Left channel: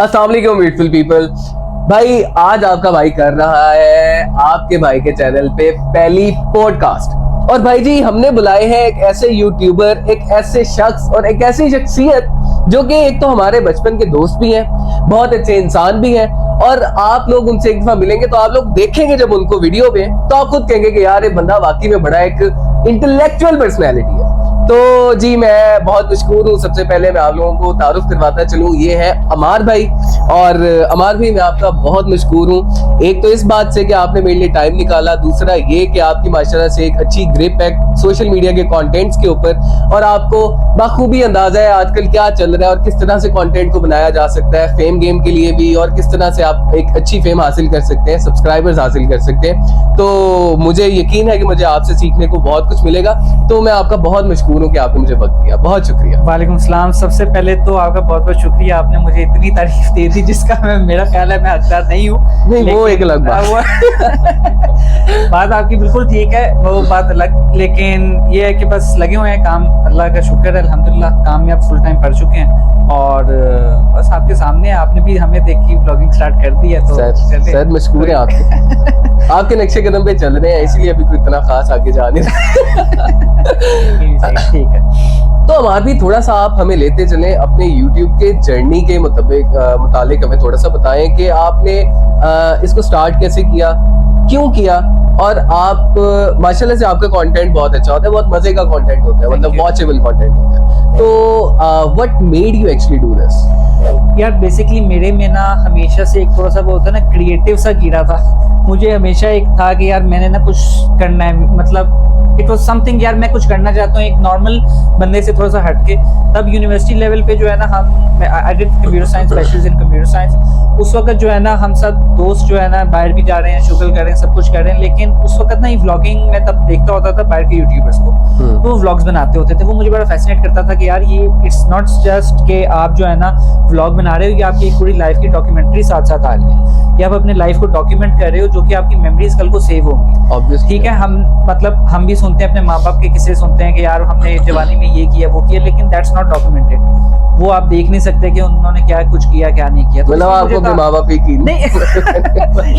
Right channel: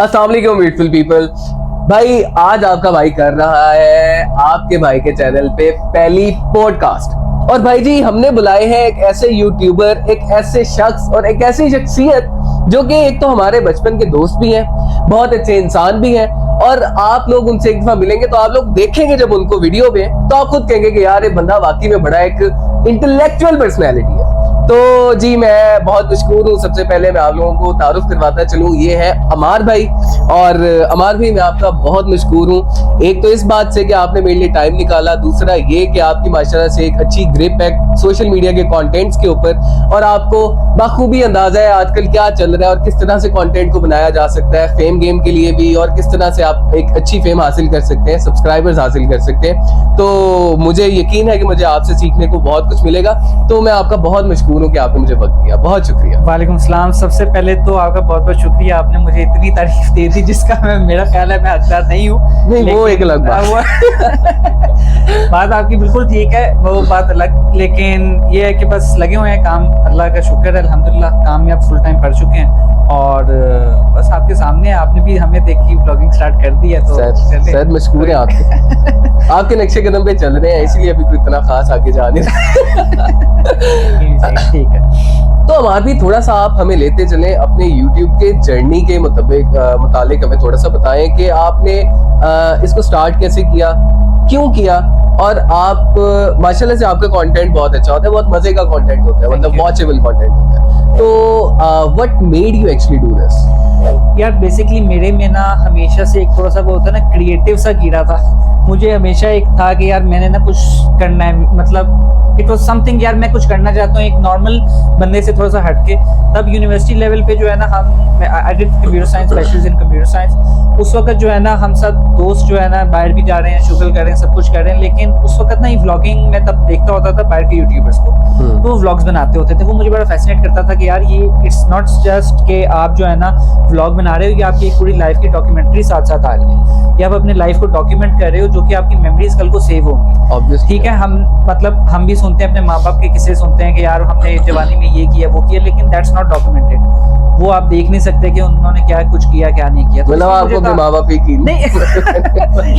अस्सलाम वालेकुम beautiful people. भाई आज आपका भाई कर रहा है आपके भाई के चैनल पे पहली पॉडकास्ट। और भाई जी हमने बुलाए हैं एक ऐसे यूट्यूबर, एक ऐसे शख्स और एक ऐसी शख्सियत जो कि एक तो हमारे बचपन के दोस्त भी हैं, बहुत अच्छे इंसान भी हैं। और आप लोग उनसे एक दफा मिलेंगे तो आप लोग देखेंगे जब उनको वीडियो पे तो आप खुद कहेंगे कि यार ये बंदा वाकई में बड़ा एक इंटेलेक्चुअल पर्सनैलिटी है। तो जी मैं बहुत मशहूर हूँ। सबसे पहले मैं आप लोगों को तारुफ करवाता चलूँ, ये है अमार भाई। और अमार भाई मैं आपका बहुत मशहूर हूँ, एक तो इस बात से कि आपने मेरे लिए टाइम निकाला, दूसरा ये कि आपकी माशाल्लाह से एक अच्छी ग्रिप है सोशल मीडिया के कंटेंट्स के ऊपर और आपको बखूबी अंदाजा है आजकल क्या चल रहा है और किस तरह से कंटेंट को बनाया जा सकता है फेम गेम के लिए भी, और किस तरह से आप एक अच्छी फेम हासिल कर सकते हैं, सब्सक्राइबर्स हासिल कर सकते हैं। तो मुझे यकीन है कि मुझे आपसे सीखने को बहुत कुछ मिलेगा। तो मैं आपका बहुत मशहूर हूँ कि आपने मुझे वक्त दिया, बहुत शुक्रिया। वालेकुम सलाम। सबसे पहले तो आपका बहुत बहुत शुक्रिया, आपने मुझे इतनी तारीफ दे दी जिसका मेरा ख्याल है मैं हकदार नहीं हूँ। नहीं वो एक अलग बात आपकी बिल्कुल ठीक है, वो बात अलग। लेकिन ये है कि बस लगे हुए हैं काम, अल्लाह का शुक्र है अल्हम्दुलिल्लाह काम में आप फुल टाइम पढ़ चुके हैं और बस आपके सामने आपने भी हमें देखी ब्लॉगिंग स्टार्ट कर दी है। तो सर मशहूर है आपके आपके नक्शे कदम पे चल रहे हैं, इसीलिए अभी कोई इतना खास आगे जा नहीं ठीक है। तो हमारे भी थोड़ा सा आप हमें लेते चलें अपने YouTube के जर्नी के मुताबिक हमें थोड़ा सा बताएं कि आपने इसको स्टार्ट कैसे किया, क्यों किया, और आप माशाल्लाह से आपका कंटेंट बहुत अच्छा होता है, बहुत मजे का कंटेंट होता है, मतलब वॉचेबल कंटेंट होता है। तो what made you actually do this? यार बेसिकली मेरे में ना हमेशा से एक थोड़ा सा वो होता है ना क्रिएटिव सा कीड़ा था। मुझे हमेशा एक था कि यार मैंने ना कुछ करना है, मतलब इट वाज समथिंग, यार मैं कुछ करना चाहता हूँ एक नॉर्मल बंदे से थोड़ा सा हटके। तब यूनिवर्सिटी लेवल पे जो है ना हम I did computer science, bachelors in computer science. उस वक्त जो है ना हम सब दोस्त जो है ना बाहर भी जा रहे हैं, शुगल कर रहे हैं, सब कुछ कर रहे हैं, लेकिन उस वक्त ना ये व्लॉगिंग मैं तब देखता होता था बाहर के यूट्यूबर्स को, तो वो व्लॉग्स बनाते होते थे। वो मुझे बड़ा फैसिनेट करता था कि यार ये इट्स नॉट जस्ट कि आप जो है ना व्लॉग बना रहे हो, या आपकी पूरी लाइफ की डॉक्यूमेंट्री साथ साथ आ रही है, या आप अपने लाइफ को डॉक्यूमेंट कर रहे हो जो कि आपकी मेमोरीज कल को सेव होंगी। ठीक है, हम भी सुनते हैं, अपने माँ बाप के किस्से सुनते हैं कि यार हमने जवानी में ये किया वो किया, लेकिन दैट्स नॉट डॉक्यूमेंटेड। वो आप देख नहीं सकते कि उन्होंने क्या कुछ किया क्या नहीं किया। तो मतलब आपको अपने माँ बाप की नहीं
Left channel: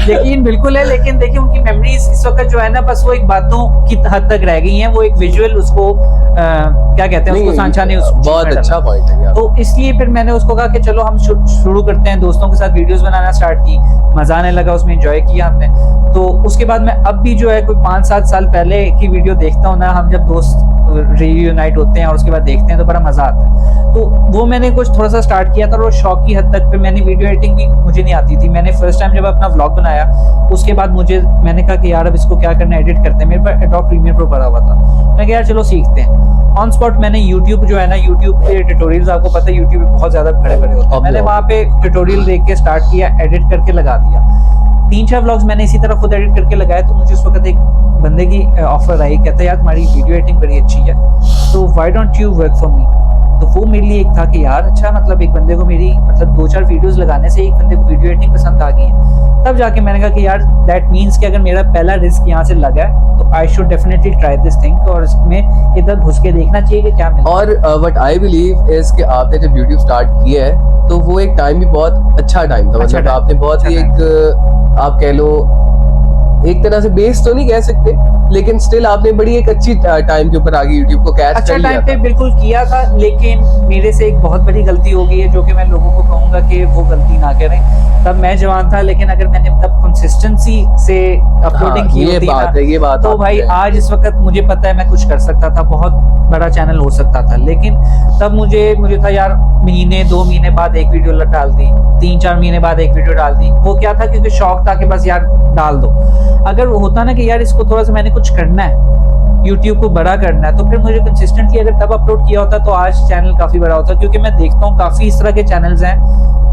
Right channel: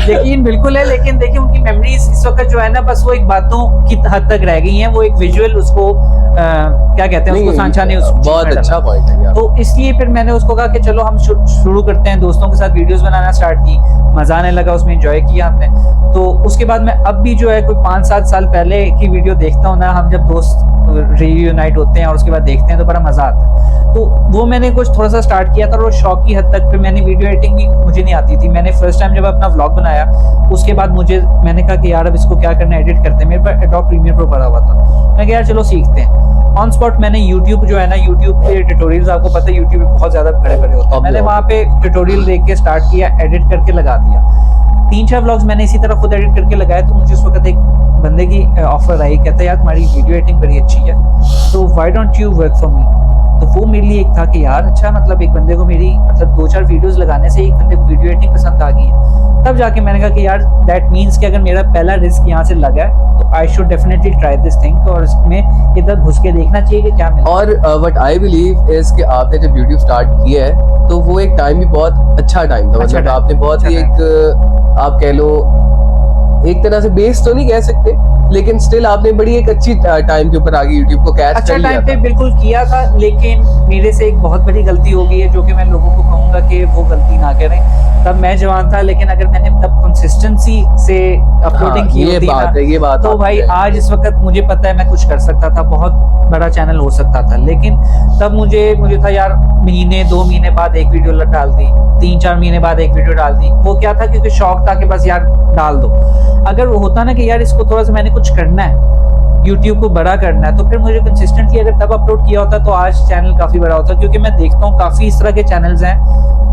यकीन बिल्कुल है, लेकिन देखिए उनकी मेमोरीज इस वक्त जो है ना बस वो एक बातों की हद तक रह गई हैं, वो एक विजुअल उसको क्या कहते हैं उसको सांचा नहीं, बहुत अच्छा पॉइंट है यार। तो इसलिए फिर मैंने उसको कहा कि चलो हम शुरू करते हैं, दोस्तों के साथ वीडियोस बनाना स्टार्ट की, मजा आने लगा, उसमें एंजॉय किया हमने। तो उसके बाद मैं अब भी जो है कोई 5-7 साल पहले की वीडियो देखता हूँ ना, हम जब दोस्त रियूनाइट होते हैं और उसके बाद देखते हैं तो बड़ा मजा आता है। तो वो मैंने कुछ थोड़ा सा स्टार्ट किया था और शौक की हद तक। फिर मैंने वीडियो एडिटिंग भी मुझे नहीं आती थी। मैंने फर्स्ट टाइम जब अपना व्लॉग बनाया उसके बाद मैंने कहा कि यार अब इसको क्या करना है, एडिट करते हैं। मेरे पास एडोब प्रीमियर प्रो पड़ा हुआ था, मैं कहा यार चलो सीखते हैं। ऑन स्पॉट मैंने यूट्यूब जो है ना, यूट्यूब पे ट्यूटोरियल्स, आपको पता है यूट्यूब पे बहुत ज्यादा बड़े होते हैं, मैंने वहाँ पे ट्यूटोरियल देख के स्टार्ट किया, एडिट करके लगा दिया। 3-4 व्लॉग्स मैंने इसी तरह खुद एडिट करके लगाया। तो मुझे उस वक्त एक बंदे की ऑफर आई, कहता है यार तुम्हारी वीडियो एडिटिंग बड़ी अच्छी है, तो why don't you work for me. तो वो मेरे लिए एक था कि यार अच्छा, मतलब एक बंदे को मेरी 2-4 वीडियोस लगाने से एक बंदे को वीडियो एडिटिंग पसंद आ गई है। तब जाके मैंने कहा कि यार दैट मीन्स कि अगर मेरा पहला रिस्क यहाँ से लगा है तो I should definitely try this thing, और इसमें इधर घुस के देखना चाहिए कि क्या मिलता है। और व्हाट आई बिलीव इज कि आपने जब यूट्यूब स्टार्ट किया है तो वो एक टाइम भी बहुत अच्छा टाइम था, मतलब आपने बहुत ही एक आप कह लो एक तरह से बेस तो नहीं कह सकते, लेकिन स्टिल आपने बड़ी एक अच्छी टाइम के ऊपर आगे यूट्यूब को कैच अच्छा कर लिया टाइम पे बिल्कुल किया था। लेकिन मेरे से एक बहुत बड़ी गलती हो गई है जो कि मैं लोगों को कहूंगा कि वो गलती ना करें। तब मैं जवान था, लेकिन अगर मैंने तब कंसिस्टेंसी से अपलोडिंग की होती ना, ये बात तो भाई आज इस वक्त मुझे पता है मैं कुछ कर सकता था, बहुत बड़ा चैनल हो सकता था। लेकिन तब मुझे था यार महीने 2 महीने बाद एक वीडियो डाल दी, 3-4 महीने बाद एक वीडियो डाल दी। वो क्या था, क्योंकि शौक था कि बस यार डाल दो। अगर वो होता ना कि यार इसको थोड़ा सा मैंने कुछ करना है, YouTube को बड़ा करना है, तो फिर मुझे कंसिस्टेंटली अगर तब अपलोड किया होता तो आज चैनल काफी बड़ा होता। क्योंकि मैं देखता हूँ काफी इस तरह के चैनल्स हैं,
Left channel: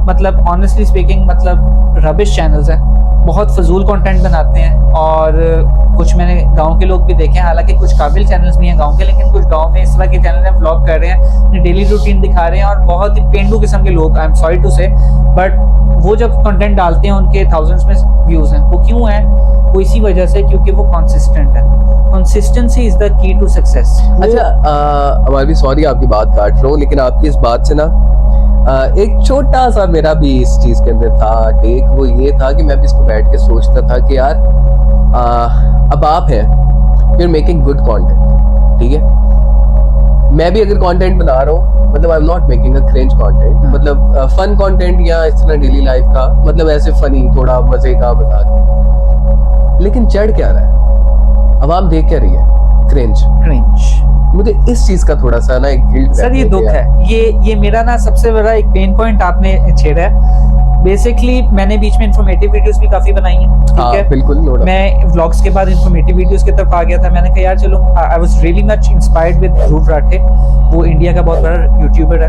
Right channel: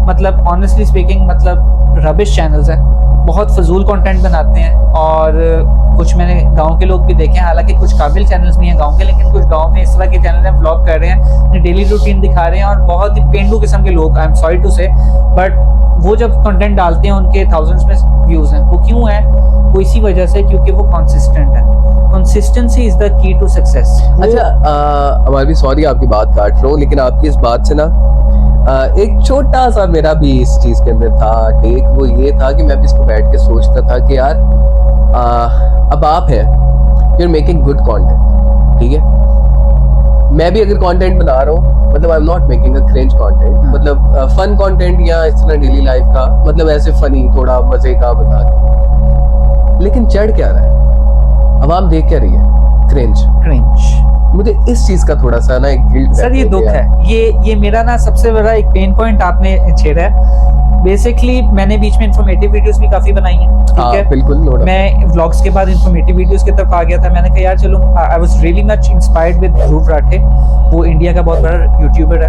मतलब ऑनेस्टली स्पीकिंग मतलब रबिश चैनल्स हैं, बहुत फजूल कंटेंट बनाते हैं। और कुछ मैंने गांव के लोग भी देखे हैं, हालांकि कुछ काबिल चैनल्स भी हैं गांव के, लेकिन कुछ गांव में इस तरह के चैनल हैं, व्लॉग कर रहे हैं, अपनी डेली रूटीन दिखा रहे हैं, और बहुत ही पेंडू किस्म के लोग, आई एम सॉरी टू से, बट वो जब कंटेंट डालते हैं उनके थाउजेंड्स में व्यूज हैं। वो क्यों है? वो इसी वजह से क्योंकि वो कंसिस्टेंट है। Consistency is the key to success. अच्छा हमारी भी सॉरी आपकी बात काट रहा हूँ, लेकिन आपकी इस बात से ना एक छोटा सा मेरा भी इस चीज के अंदर था टेक, वो ये था कि मैं भी इसको बैठ के सोचता था कि यार अब आप हैं, you are making good content, ठीक है, मैं भी अगर कंटेंट बना रहा हूँ, मतलब आई am not making a cringe content, मतलब फन कंटेंट या इस तरह डेली लाइफ का, मतलब ऐसे फनी थोड़ा मजे का मजाक, लेकिन चढ़ क्या रहा है, अवाम देख क्या रही है, क्रिंज। मुझे इस चीज का थोड़ा सा ना एक गिल्ट सर ये दुख है, ये मेरा ना सबसे बड़ा एक पेन पॉइंट आपने छेड़ा है। बेसिकली मैंने बीच में इंफॉर्मेटिव वीडियोस भी काफी बनाई हैं, ठीक है, बिल्कुल, मैं व्लॉग्स के बाद इंफॉर्मेटिव वीडियोस की तरफ आ गया था। मैंने कहा यार चलो, I was really much inspired with Dhruv Rathee, वो इंडिया का बहुत बड़ा यूट्यूबर है,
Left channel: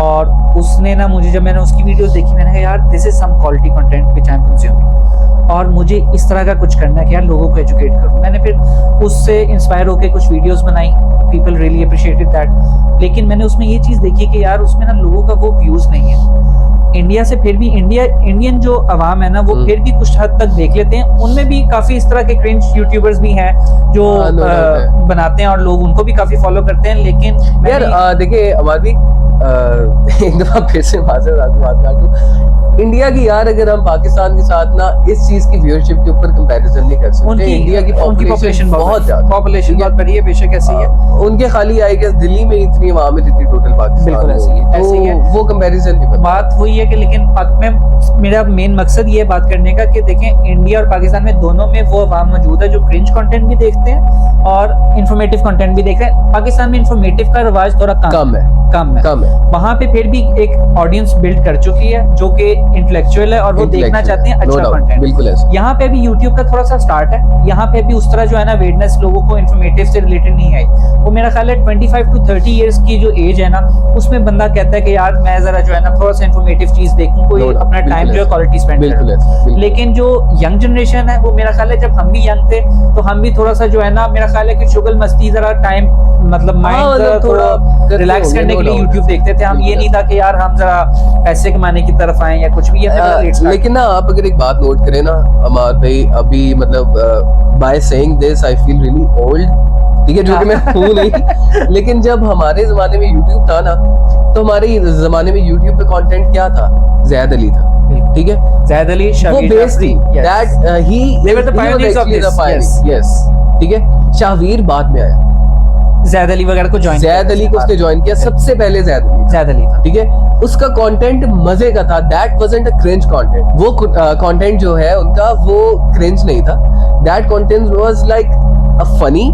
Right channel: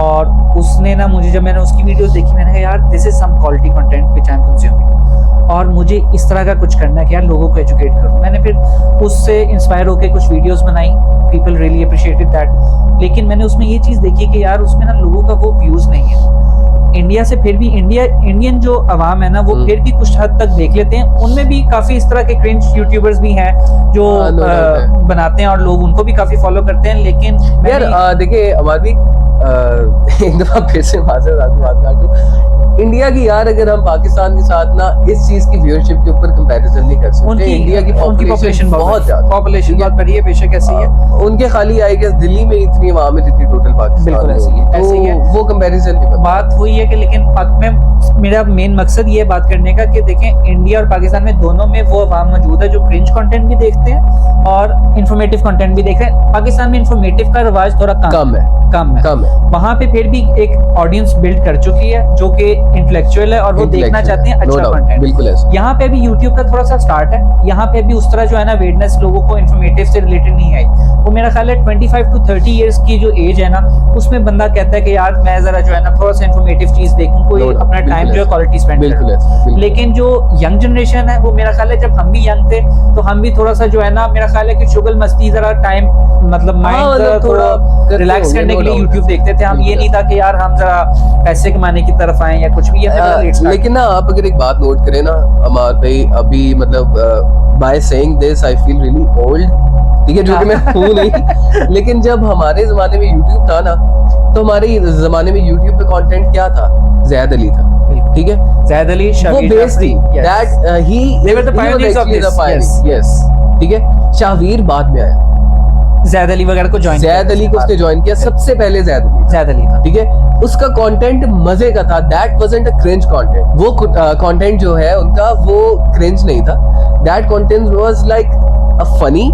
और उसने ना मुझे, जब मैंने उसकी वीडियोस देखी, मैंने कहा यार this is some quality content which I am consuming, और मुझे इस तरह का कुछ करना है कि यार लोगों को एजुकेट करूं। मैंने फिर उससे इंस्पायर होकर कुछ वीडियोस बनाई, पीपल रियली अप्रिशिएटेड दैट, लेकिन मैंने उसमें ये चीज देखी कि यार उसमें ना लोगों का वो व्यूज नहीं है इंडिया से, फिर भी इंडियन जो अवाम है ना वो फिर भी कुछ हद तक देख लेते हैं। उनमें भी काफी इस तरह के क्रिंज यूट्यूबर्स भी हैं जो बनाते हैं और लोग उनको भी काफी फॉलो करते हैं, लेकिन यार देखिए हमारे भी एक दफा फिर से बात काटूं, इंडिया की यार अगर हम पाकिस्तान के साथ ना इस चीज की व्यूअरशिप के ऊपर कंपैरिजन नहीं कर सकते, इंडिया की पॉपुलेशन बहुत ज्यादा, पॉपुलेशन बहुत बड़ी है, बेशक ऐसी है, उनके खाली आई गेस दिल्ली में इतनी आवाम है जितनी टोटल पाकिस्तान, बिल्कुल ऐसी है, ऐसी है, वो कंपैरिजन नहीं बात हुई है कि, लेकिन मेरा मेन मकसद ये बात करने का कि देखें इंडिया और पाकिस्तान में दोनों में वो अवाम मौजूद है जो क्रिंज कंटेंट भी देखते हैं और इंफॉर्मेटिव कंटेंट भी देख रहे हैं। पाकिस्तान में इंफॉर्मेटिव का रवाज थोड़ा कम है, वहां पे फिर भी एक ऑडियंस बिल्ड कर चुकी है जो कि इंटेलेक्चुअल है और वो देखना चाहते हैं अच्छा कंटेंट। बिल्कुल ऐसा। यहाँ पे भी यूट्यूब का थोड़ा सा स्टार्ट है, यहाँ पे भी उस तरह जो है ना वेडनेस लोगों को इंफॉर्मेटिव से रिलेटेड नहीं आई। वो मेरा ख्याल है 25 to 30 इयर्स की जो एज है ना, उसमें बंदा कहता है कि यार मैं जरा जो है ना थोड़ा सा इंफॉर्मेटिव चीज देखूं, कोई अपना टाइम जो है क्वालिटी स्पेंड करे। लेकिन जो यंग जनरेशन है वो मेरा ख्याल है, जब हम भी यंग थे तो हम भी थोड़ा सा जो है ना, मेरा ख्याल है कि शुगल मस्ती जरा टाइम, मतलब माइंड थोड़ा रिलैक्स करने के लिए यूट्यूब देखते थे हम। ये नहीं था कि यार हम जरा पैसे कमाने की तरफ आए या कुछ भी। लेकिन ना आप अगर एक बात नोट करें ना अमार भाई, अभी मतलब by saying this I feel really old, ठीक है, जो कि मैं हूं नहीं, लेकिन जब हमारे जमाने में यूट्यूब था ना, तो हमारे जमाने में यूट्यूब पे कंटेंट क्या था, जैद अली था, ठीक है, जैद अली, वो बेस थी, that he they were the pioneers of this, yes, ठीक है। शाहवीर बाद में आया, जैद अली वगैरह को ज्वाइन, जैद अली को उसने ज्वाइन किया, सबसे पहले जैद अली था, ठीक है। उसका कंटेंट मजे का था, that wasn't a cringe content, वो कंटेंट जो है उनका वो क्रिंज नहीं था, that content was like a funny,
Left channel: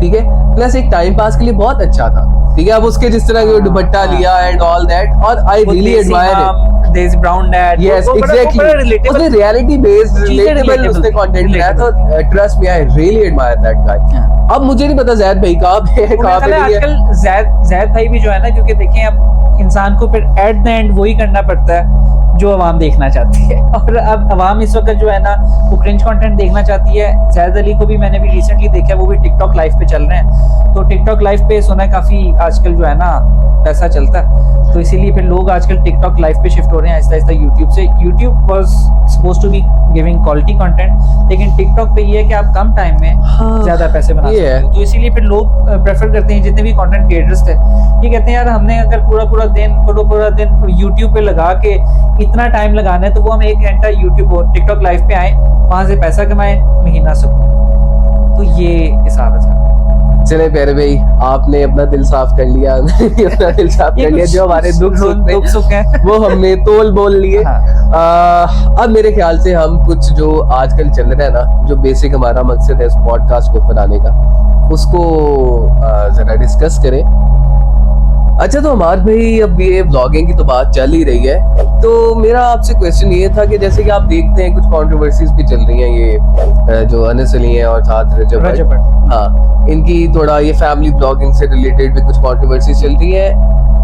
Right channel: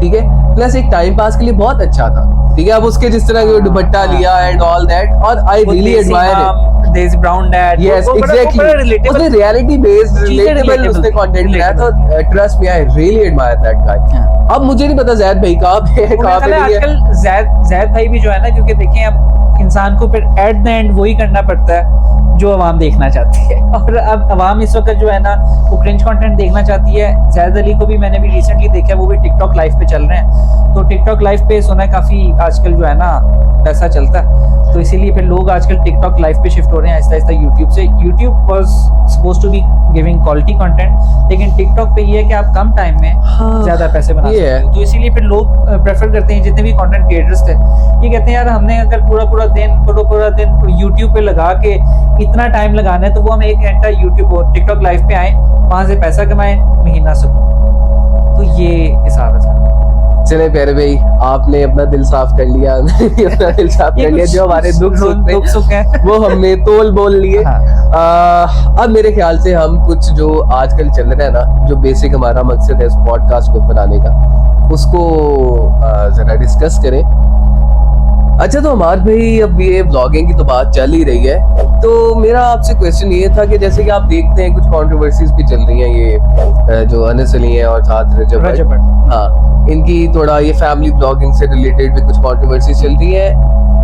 ठीक है, प्लस एक टाइम पास के लिए बहुत अच्छा था, ठीक है। अब उसके जिस तरह के दुपट्टा लिया एंड ऑल दैट, और आई रियली एडमायर इट, देसी ब्राउन डैड, यस एग्जैक्टली, उसने रियलिटी बेस्ड रिलेटेबल उसने कंटेंट बनाया था, trust me I really admire that guy. अब मुझे नहीं पता जैद भाई कहाँ पे है, कहाँ पे नहीं है। आजकल जैद भाई भी जो है ना, क्योंकि देखें अब इंसान को फिर एट द एंड वही करना पड़ता है जो अवाम देखना चाहती है, और अब अवाम इस वक्त जो है ना वो क्रिंज कंटेंट देखना चाहती है। जैद अली को भी मैंने भी रिसेंटली देखा, वो भी टिकटॉक लाइव पे चल रहे हैं, तो टिकटॉक लाइव पे सुना है काफी आजकल जो है ना पैसा चलता है, तो इसीलिए फिर लोग आजकल टिकटॉक लाइव पे शिफ्ट हो रहे हैं आहिस्ता आहिस्ता यूट्यूब से। YouTube was supposed to be giving quality content, लेकिन टिकटॉक पे ये है कि आप कम टाइम में ज्यादा पैसे बना सकते हो, तो इसीलिए फिर लोग प्रेफर करते हैं, जितने भी कंटेंट क्रिएटर्स थे ये कहते हैं यार हमने अगर पूरा दिन यूट्यूब पे लगा के इतना टाइम लगाना है, तो वो हम 1 घंटा यूट्यूब और टिकटॉक लाइव पे आए, वहां से पैसा कमाए, महीना सकून। तो ये हिसाब है सारा। चले प्यारे भाई, आपने अपना दिल साफ कर लिया, अपना दिल साफ कर लिया, जो हमारे दुख सुख है वो हमने तोल बोल लिए। अब मेरे ख्याल से हम कुछ जो आजकल चल रहा है ना, जो बेसिक हमारा मकसद है इस पॉडकास्ट को बनाने का, उसको जरा डिस्कस करें। अच्छा, तो हमारे भाई अब ये व्लॉगिंग की तो बात चल ही रही है, तो मेरा आपसे क्वेश्चन ये था कि जैसे कि आप देखते हैं कुछ कंट्रोवर्सीज भी चल रही हैं, ये जो अनस अली हैं और साथ रजब, हाँ, इनकी थोड़ा ये फैमिली ब्लॉगिंग से रिलेटेड भी कुछ कंट्रोवर्सीज चल रही है,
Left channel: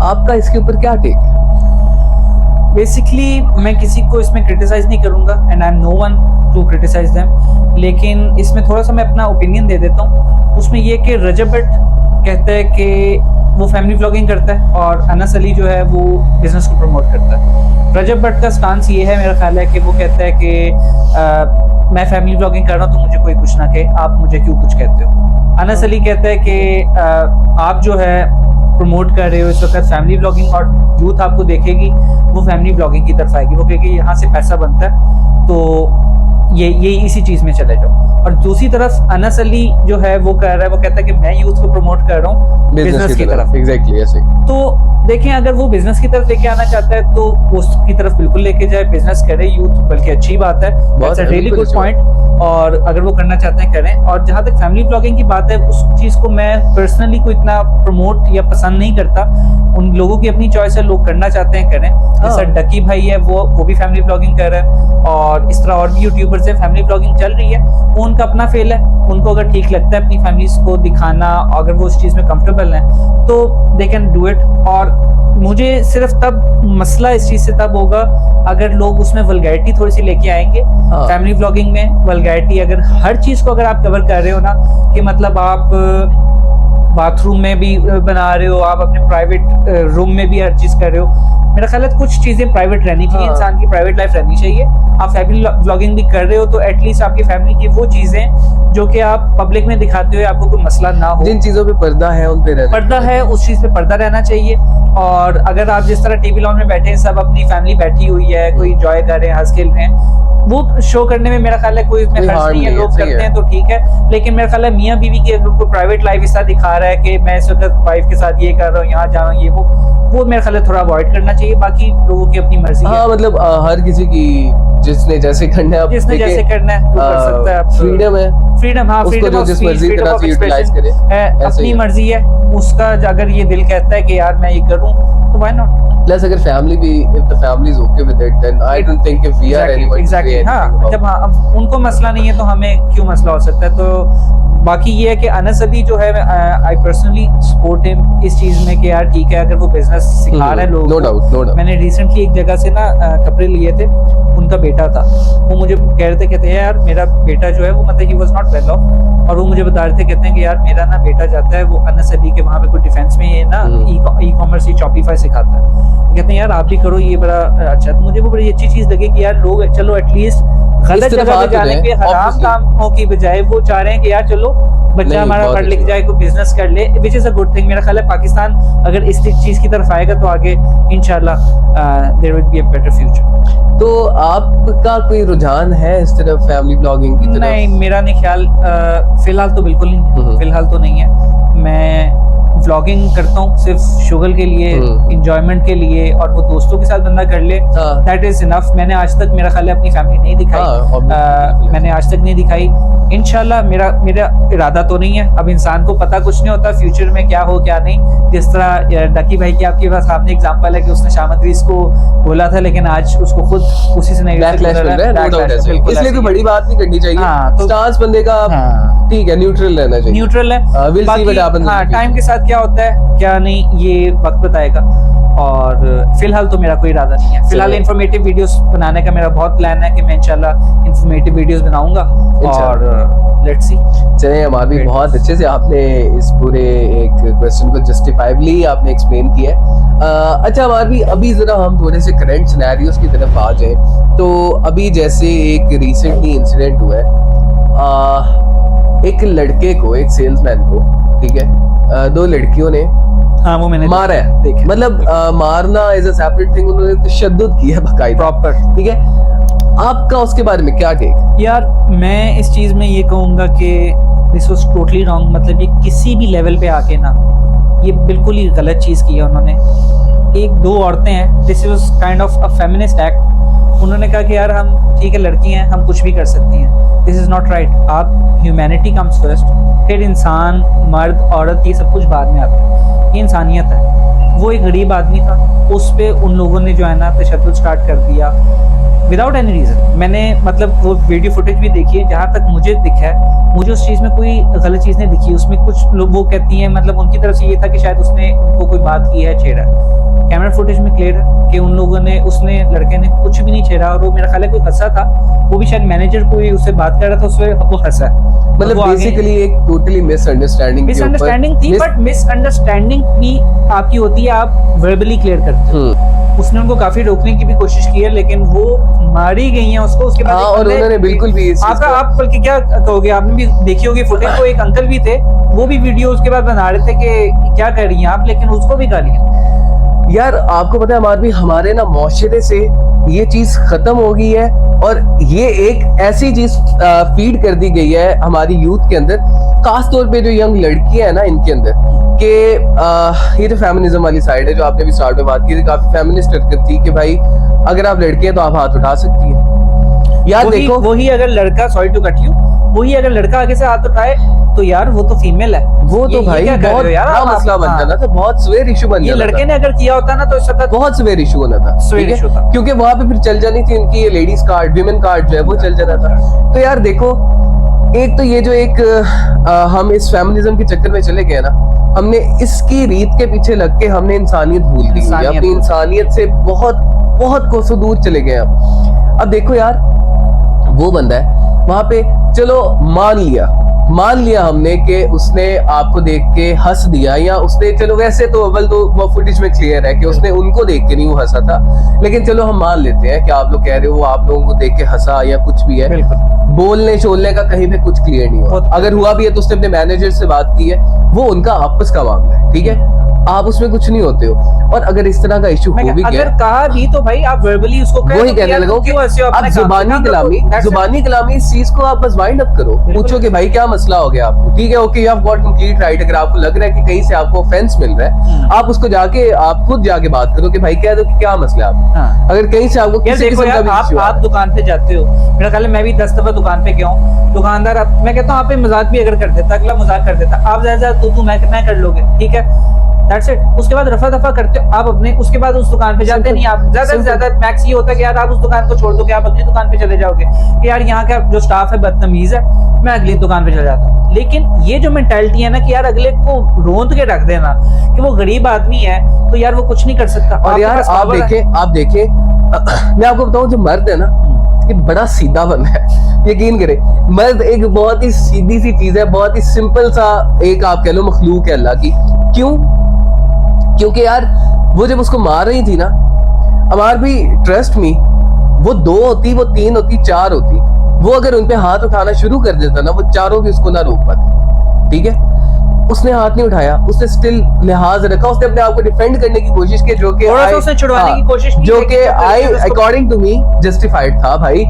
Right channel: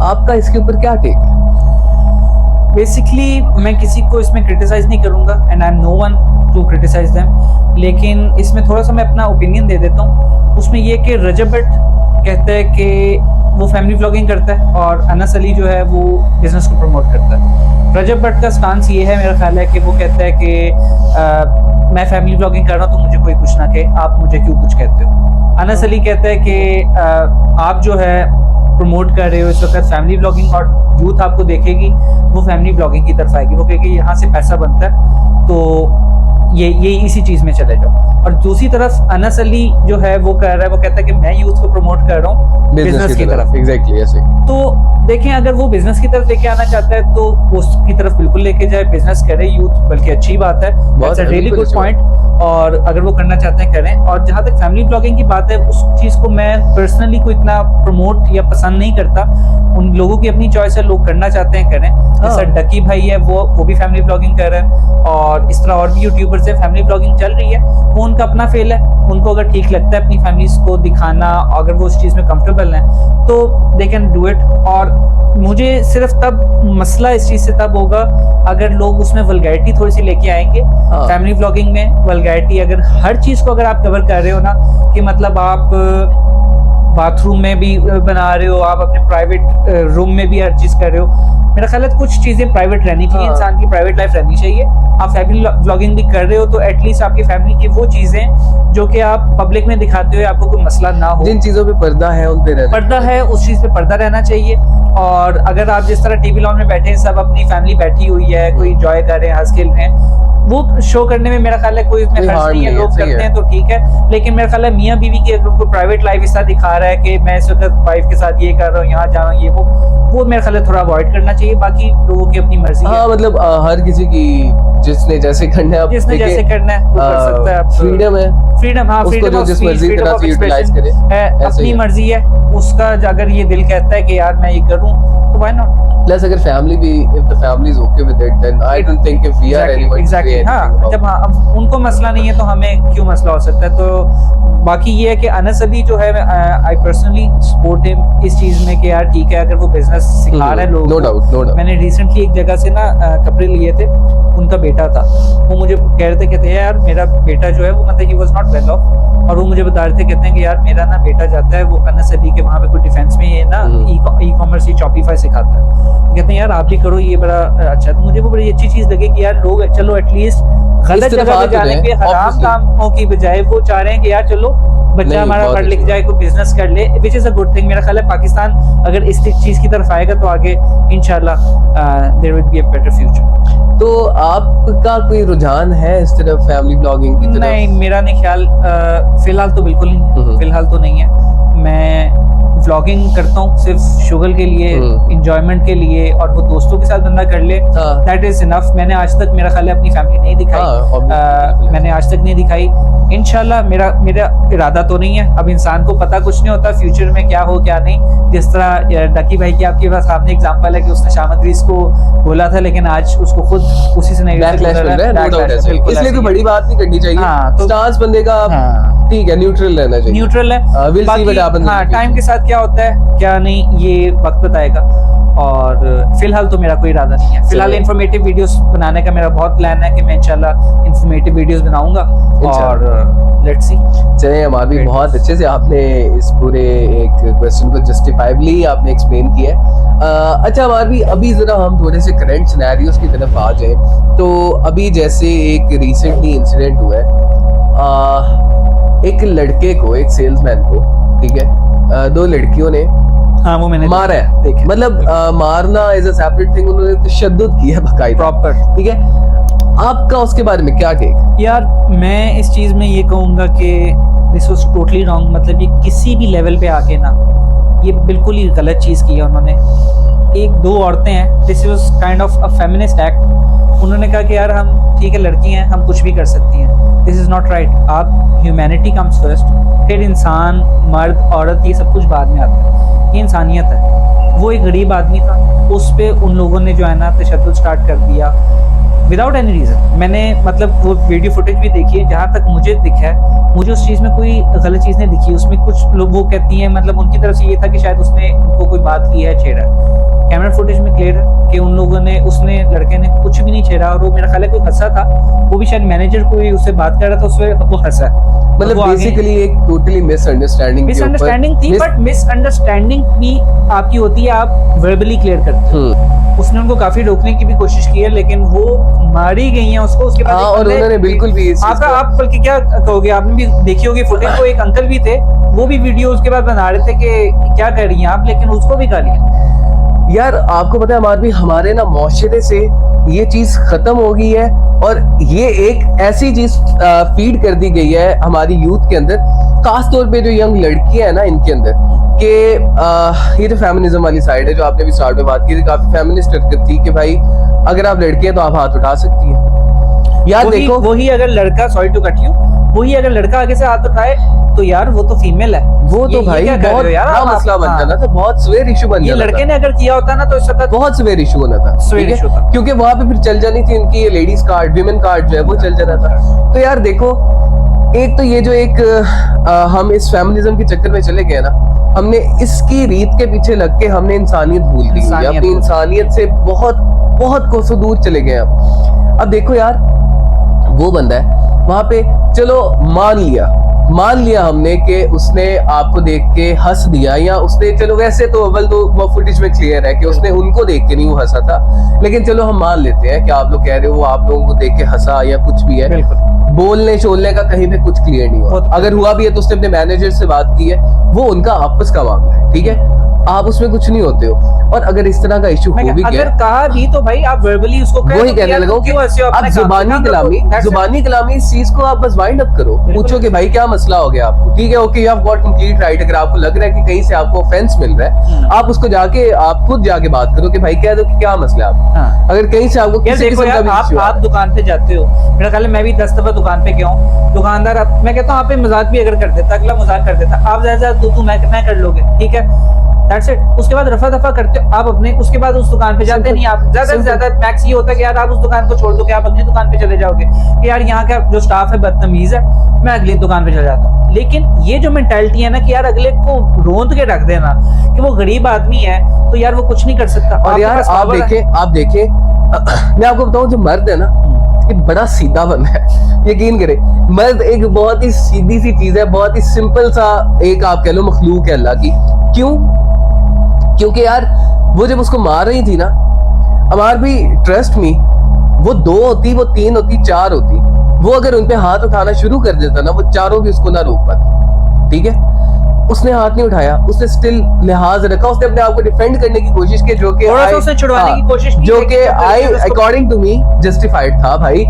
आपका इसके ऊपर क्या टेक है? बेसिकली मैं किसी को इसमें क्रिटिसाइज नहीं करूंगा, and I am no one to criticise them, लेकिन इसमें थोड़ा सा मैं अपना ओपिनियन दे देता हूँ। उसमें ये कि रजब भट्ट कहता है कि वो फैमिली व्लॉगिंग करता है और अनस अली जो है वो बिजनेस को प्रमोट करता है। रजब भट्ट का स्टांस ये है, मेरा ख्याल है कि वो कहता है कि मैं फैमिली व्लॉगिंग कर रहा हूँ तो मुझे कोई कुछ ना कहे, आप मुझे क्यों कुछ कहते हो। अनस अली कहता है कि आप जो है प्रमोट कर रहे हो इस वक्त फैमिली ब्लॉगिंग, और यूथ आपको देखेगी वो फैमिली ब्लॉगिंग की तरफ आएगी, वो कहेगी यहाँ से पैसा बनता है, तो ये इसी चीज में चले जाओ। और दूसरी तरफ अनस अली जो है वो कह रहा है, वो कहता है कि मैं यूथ को प्रमोट कर रहा हूँ बिजनेस की तरफ। एग्जैक्टली ऐसे। तो देखें, अगर वो बिजनेस की तरफ लेके आना चाहता है तो उसकी तरफ बिल्कुल लेके जाए, बिजनेस करे यूथ, बल्कि अच्छी बात है, that's a really good point. और अगर वो करना चाहते हैं करें। और जहाँ तक फैमिली ब्लॉगिंग की बात है, उस चीज को मैं पर्सनली कोई इतना प्रमोट या पसंद नहीं करता, उन लोगों की अपनी चॉइस है, लोग करना चाहते हैं करें। जैसा डकी भाई है वो भी फैमिली ब्लॉगिंग कर रहे हैं, और इस तरह और भी यूट्यूबर्स है, फैमिली ब्लॉगिंग चल रही है, वो उनका अपना फेल है, उनको अगर ठीक लगता है अपनी फैमिलीज को दिखाना, अगर वो उस चीज में कंफर्टेबल है तो दे कैन डू इट। और मुझे सिर्फ तब मसला इस चीज से तब होगा अगर लोग उसमें वल्गैरिटी थोड़ी सी लेके आएंगे। फैमिली ब्लॉगिंग में वल्गैरिटी, अगर हर चीज को अगर आप कवर कर रहे हो ना, कि मतलब आप बाथरूम में भी बना रहे हो, आप अपने प्राइवेट रूम में भी हर चीज कर रहे हो, मेरा ख्याल है कुछ चीजें प्राइवेट रहनी चाहिए, इंसान की प्राइवेट लाइफ रहनी चाहिए। आप फैमिली व्लॉगिंग भी कर रहे हो तो एटलीस्ट आपकी फैमिली की वो चीजें जो कि आप पब्लिक में दिखाते हो, आपको कोई मसला ना हो, जिन चीजों पे पर्दा है उन पे पर्दा है, उस चीज पे पर्दा रहना चाहिए। और अगर आप जिस तरह टीवी लॉन में बैठे हैं, सब अपनी फैमिली बैठी हुई है, कोई एंजॉय कर रहे हैं, हंस खेल रहे हैं, वो शो करने में मेरा ख्याल है कोई इसमें खर्च नहीं है, लोग करते हैं तो ठीक है। लेकिन मेरा ख्याल है मियाँ बीवी की अगर कोई प्राइवेट लाइफ इस तरह दिखा रहा है कि मैं इस वक्त वाइफ के साथ ये कर रहा हूँ, यहाँ जा रहा हूँ, ये वो मेरा ख्याल है थोड़ा अवॉइड करना चाहिए। बाकी लोगों की अपनी मर्जी है। मतलब हर किसी की जिसने जैसे करना है, जिसने जैसे करना है वो कर सकता है। फ्रीडम है, फ्रीडम, हाँ, उसको जो जिस मर्जी तरह से यूटिलाइज करे, अपनी मर्जी है उसका। अगर ये दिल कहता है कि यार मैं ये करूं तो व्हाई नॉट। प्लस अगर फैमिली भी, if the family is okay with it, then I don't think if we are anyone to say anything about it. जब अब उनको मसला नहीं है तो हमें क्यों मसला हो सकता है। तो बाकी ये है कि अनस अली जो है, आई पर्सनली सपोर्ट हिम इस चीज में कि यार ठीक है, अगर वो बिजनेस सिखा रहा है लोगों नो डाउट। मैंने रिसेंटली एक जगह से ना कपड़े लिए थे, उनका बेटा था, वो मुझे कह रहे थे, कहते हैं यार मेरा बेटा जो है वो मतलब he was not well of, और वो मुझे बता रहे थे, कहते हैं कि यार मेरा ना बेटा जाता है वो अनस अली के वहाँ पे कोई डिफेंस में ये ना ई कॉमर्स ही शॉपिफाई सिखाता है, कहते हैं यार आप भी करो, ये बड़ा अच्छा। तो मुझे वो बड़ी अच्छी चीज लगी कि यार लोग चलो एटलीस्ट गलत जगह पे जाने के हराम कामों की बजाय वो चाह रहे हैं कि यार चलो बच्चा हमारा पढ़ लिख जाए, कोई बिजनेस कर ले, which is a good thing. मेरा ख्याल है पाकिस्तान अगर इस चीज की तरफ आएगा तो आगे इंशाल्लाह there will be a better future. तो आपका कोई रुझान है इस तरफ फैमिली ब्लॉगिंग की तरफ? नहीं, मेरा नहीं ख्याल, फिलहाल तो बिल्कुल नहीं है, फिलहाल तो नहीं है। मैं व्लॉगिंग करता हूँ सिर्फ शुगर के लिए, इंजॉयमेंट के लिए, और वो दोस्तों के साथ बंदा कर ले, दैट इज इनफ। मैंने आज तक मेरा ख्याल है अपनी फैमिली नहीं दिखाई, मैंने आज तक नहीं दिखाई। इंशाल्लाह मेरा इरादा तो नहीं है, अब इंसान को पता कुछ नहीं होता फ्यूचर में क्या हो क्या नहीं। जिस तरह डकी भाई की आपके पास सामने एग्जांपल है कि उसने शामद रीस को बोला था, लेकिन आज उसको खुद उसी से नहीं, इसलिए तो बड़ी बात नहीं करनी चाहिए। तो स्टांस बंदे का ठीक है, न्यूट्रल रहना चाहिए, न्यूट्रल है। Will see what happens. हाँ, टाइम के साथ क्या होता है क्या नहीं ये वक्त बताएगा। और फिलहाल तो मेरा कोई इरादा नहीं है। फिलहाल इंफॉर्मेटिव वीडियोस बनाने का मेरा बहुत प्लान है कि मैं इंशाल्लाह इंफॉर्मेटिव वीडियोस बनाऊंगा, और लेट्स सी। चलिए, हमारे भी बहुत अच्छे से आपने इस पूरे एक क्वेश्चन को जस्टिफाइबली आपने एक्सप्लेन किया है। अच्छा, हमारे भी अभी जरा हम थोड़े से करंट सिनेरियोस की तरफ आ जाए। तो अभी जैसे एक रिसेंटली इंसिडेंट हुआ है, एक लड़के को, एक सेल्समैन को, ठीक है, दो लड़कियों ने वो मैंने मारा है, देखे, मतलब मारना इज अ सेपरेट थिंग, उन्होंने तशद्दुद किया है बाकायदा, प्रॉपर, ठीक है। आपका उसके बारे में क्या टेक? यार मैं इस चीज में ये कहूंगा कि दिस वाज टोटली रॉन्ग। मतलब ये किसी भी लेवल पे आके ना ये बिल्कुल ही गलत चीज की है उन्होंने। एक दो औरतें हैं, this was kind of a feminist act. उन्होंने कहा कि यार हम ठीक है लड़की हैं, हम कुछ भी कर सकती हैं, दिस इज नॉट राइट। आप ह्यूमैनिटी कम्स फर्स्ट, फिर इंसान, मर्द, औरत, ये सब कुछ बाद में आता है, ये इंसानियत है। वो एक गरीब आदमी था, उस पे उन लोगों ने जो है ना तशद्दुद स्टार्ट कर दिया विदाउट एनी रीजन। मैंने मतलब वो वीडियो फुटेज भी देखी है, जहाँ तक मुझे दिखा है, मुझे उस चीज़ में कोई गलत चीज़ नहीं दिखी। उसमें कुछ लोग वो कहती हैं, मतलब उनकी तरफ से ये था कि शायद उसने उनको कोई बात की है, छेड़ा। कैमरा फुटेज में क्लियर है कि उन लोगों ने, उसने, लड़के ने कुछ भी नहीं छेड़ा, और वो मेरा ख्याल है कोई हंसा था, वो भी शायद मैनेजर कोई उससे बात कर रहा था, उससे वो हंसा। मतलब बेसिकली एक टोटली मिसअंडरस्टैंडिंग थी, बट मिसअंडरस्टैंडिंग भी आपकी होती है, आप वर्बली क्लियर करते हो। उसने उनको काफी रोकने की भी कोशिश की है, लेकिन वो मारी गई हैं उसको। उसके बाद हाँ, और उन्होंने बिल्कुल भी इस चीज़ आपका को- आप बल्कि क्या कहोगे, आपने भी देखी होगी फुटेज, वो एक अंकल भी थे, वो भी वीडियो उसके बाद बना रहे थे कि क्या कर रही हैं आप, लेकिन उसको भी गालियां। यार आपको पता है अमार भी, हमारे ना मुआशरे से ये चीज खत्म हो गई है, और ये एक ऐसी चीज फीड कर दी गई है हमारी यूथ के अंदर, खास तौर पे जो यंग लड़कियां हैं ना इनके अंदर, कि ये जो फेमिनिज्म वाली साइड है, जो आपने भी स्टार्ट में बात की थी, काफी फेमिनिस्ट हरकत थी कि भाई अगर आप लड़की हैं तो आप हाथ उठा सकती हैं। यार देखो, वही अगर लड़का, सॉरी टू कट यू, वही अगर लड़का आगे से हाथ उठाए तो यार वो तो फीमेल है, वो तो भाई क्या कर रहे बहुत हो यार बड़ा आप? मसला बन हाँ। जाना था, बहुत सवेर इशू बन ये जाना लड़के था, ने अगर किया होता ना तो इस वक्त बहुत सवेर इशू होना था, सवेर ठीक issue था। है, क्योंकि वहां पे फिर चल जानी थी इनकी ये लेडीज कार्ड, विमेन कार्ड जो है वो चल जाना था। तो यार देखो, एक तो ये जो एक हम इस फेमिनिज्म के चक्कर में चले गए ना, हमने इसकी रीत के पीछे लग के हमने इंसानियत भूल दी है, अपनी इंसानियत से बहुत बहुत कोसों दूर चले गए अब देखो यार, वो बंदा है वहां पे, चलो मान लिया हमने कि उसने आपको देख के हंस दिया, या उसने, चलो वैसे तो अव्वल तो वो फुटेज में क्लियर है कि उसने उनको देख के नहीं वो हंसा था, लेकिन चलो हम मान लेते हैं कि आप लोग कह रहे हो वो आप लोगों को देख के हंसा या कुछ भी है, बोलने चोलने का कहीं पे कुछ क्लियर नहीं हुआ। अगर हुआ भी है तो उसने अपने मैनेजर से बात की है, वो उनका आपस का मामला है, ठीक है, आप उसमें कुछ नहीं होते हो। और अगर इस तरह का इशू हो भी गया, अगर कहा भी तो भाई आप वर्बली उसको कहो, वही कहने लगा कि आप जुबानी कलामी इस चीज को आप बस वाइंड अप करो, पूछो कि भाई क्या मसला हो गया आपको, ठीक है, okay, you have got complete right. अगर आपको लग रहा है कि कहीं से आपको ऑफेंस मिल रहा है, आप उसको जाके आप खुद जाके बात करो कि भाई कह दो कि क्या मसला है आपको। अगर कहीं से आपको किसी किस्म का भी इशू आप दुकान पे जाते हो, मेरा ख्याल है मैं भी 10 दफा दुकान पे गया हूँ, दुकानदार मैं कहता हूँ आप पे मजाक भी अगर कर देता, अगला मजाक कर देता, आप ज्यादा तू मैं कर लोगे, ठीक है, दैट्स इट। उसके बाद रफा दफा करते हो आप अपने, उसके बाद उस दुकान पे जाते नहीं आप, ज्यादा से ज्यादा मैक्स ये होता है कि यार आप उस दुकान को छोड़ दो कि आप अगली दुकान पे चले जाओगे कि यार यहाँ का जो स्टाफ है बदतमीज है, मैं अगली दुकान पे चले जाता हूँ। लेकिन ये जो मेंटालिटी है ना कि यार अगले को रोंद के रख देना कि वो गरीब आदमी है तो यार वो कुछ नहीं कर सकता। और यार आप देखें मैं आपको बताऊं, जो मर्द है ना ये बड़ा सीधा बंदा है, यकीन करें, मर्द एक बहुत ही सीधी सी चीज है, बहुत ही सिंपल सा एक आप कह लो मखलूक है अल्लाह की। क्यों? क्योंकि यार वो जब उसको मार रही थी ना, हमार भी ट्रस्ट मी, वो 2 होती, वो 3 होती, 4 होती, वो अगर उनपे हाथ उठाना शुरू कर देता ना, वो चारों भी उसको ना रोक पाते, ठीक है। उसने हाथ नहीं उठाया, उसने स्टिल लिहाज रखा, उसने अपने आप को डिफेंड करने की कोशिश की, जो कि उसने छुड़वाने की कोशिश की, जो कि अकॉर्डिंग टू मी जस्टिफाइड था। भाई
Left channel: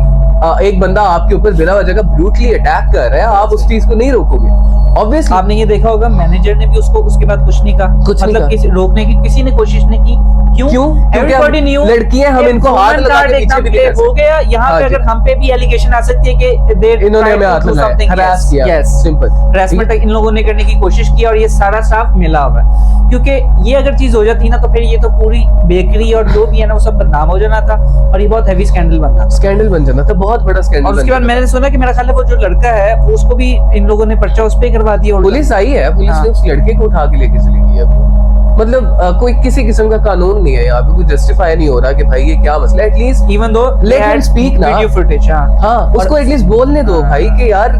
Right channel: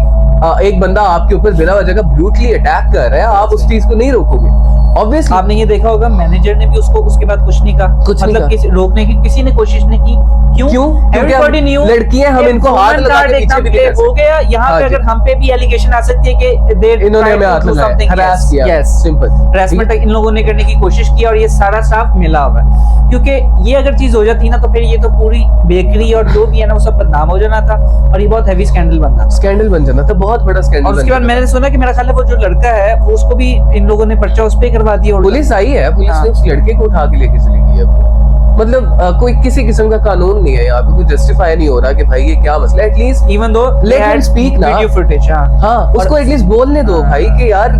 एक बंदा आपके ऊपर बिना वजह का ब्रूटली अटैक कर रहा है, आप उस चीज को नहीं रोकोगे। ऑब्वियसली आपने ये देखा होगा, मैनेजर ने भी उसको उसके बाद कुछ नहीं कहा, मतलब किसी रोकने की किसी ने कोशिश नहीं की। क्यों? एवरीबॉडी न्यू लड़कियां, हम इनको हाथ लगा के पीछे भी नहीं कर सकते। हो गया यहाँ पे, अगर हम पे भी एलिगेशन आ सकती है कि इन्होंने हमें हाथ लगाया, हरास किया, यस, सिंपल हरासमेंट इन लोगों ने करने की कोशिश की, और ये सारा स्टाफ मिला हुआ है। क्योंकि ये अगर चीज हो जाती ना तो फिर ये तो पूरी बेकरी और जो भी है ना वो सब बदनाम हो जाना था, और ये बहुत हैवी स्कैंडल बन जाना था, बहुत बड़ा स्कैंडल। और उसके बाद मैंने सुना कि मेरा ख्याल है वो जो लड़का है वो उसको भी इन लोगों ने पर्चा उस पे करवा दिया, पुलिस आई है, पुलिस ने उस लड़के को उठा के लेके चली गई है। मतलब कोई किसी किस्म का कानून नहीं है यहाँ पे, कोई जस्टिफाई नहीं हो रहा कि भाई ये क्या मसला है। At least even though let him speak ना, वीडियो फुटेज, हाँ उसको एटलीस्ट बोलने दो भाई कि यार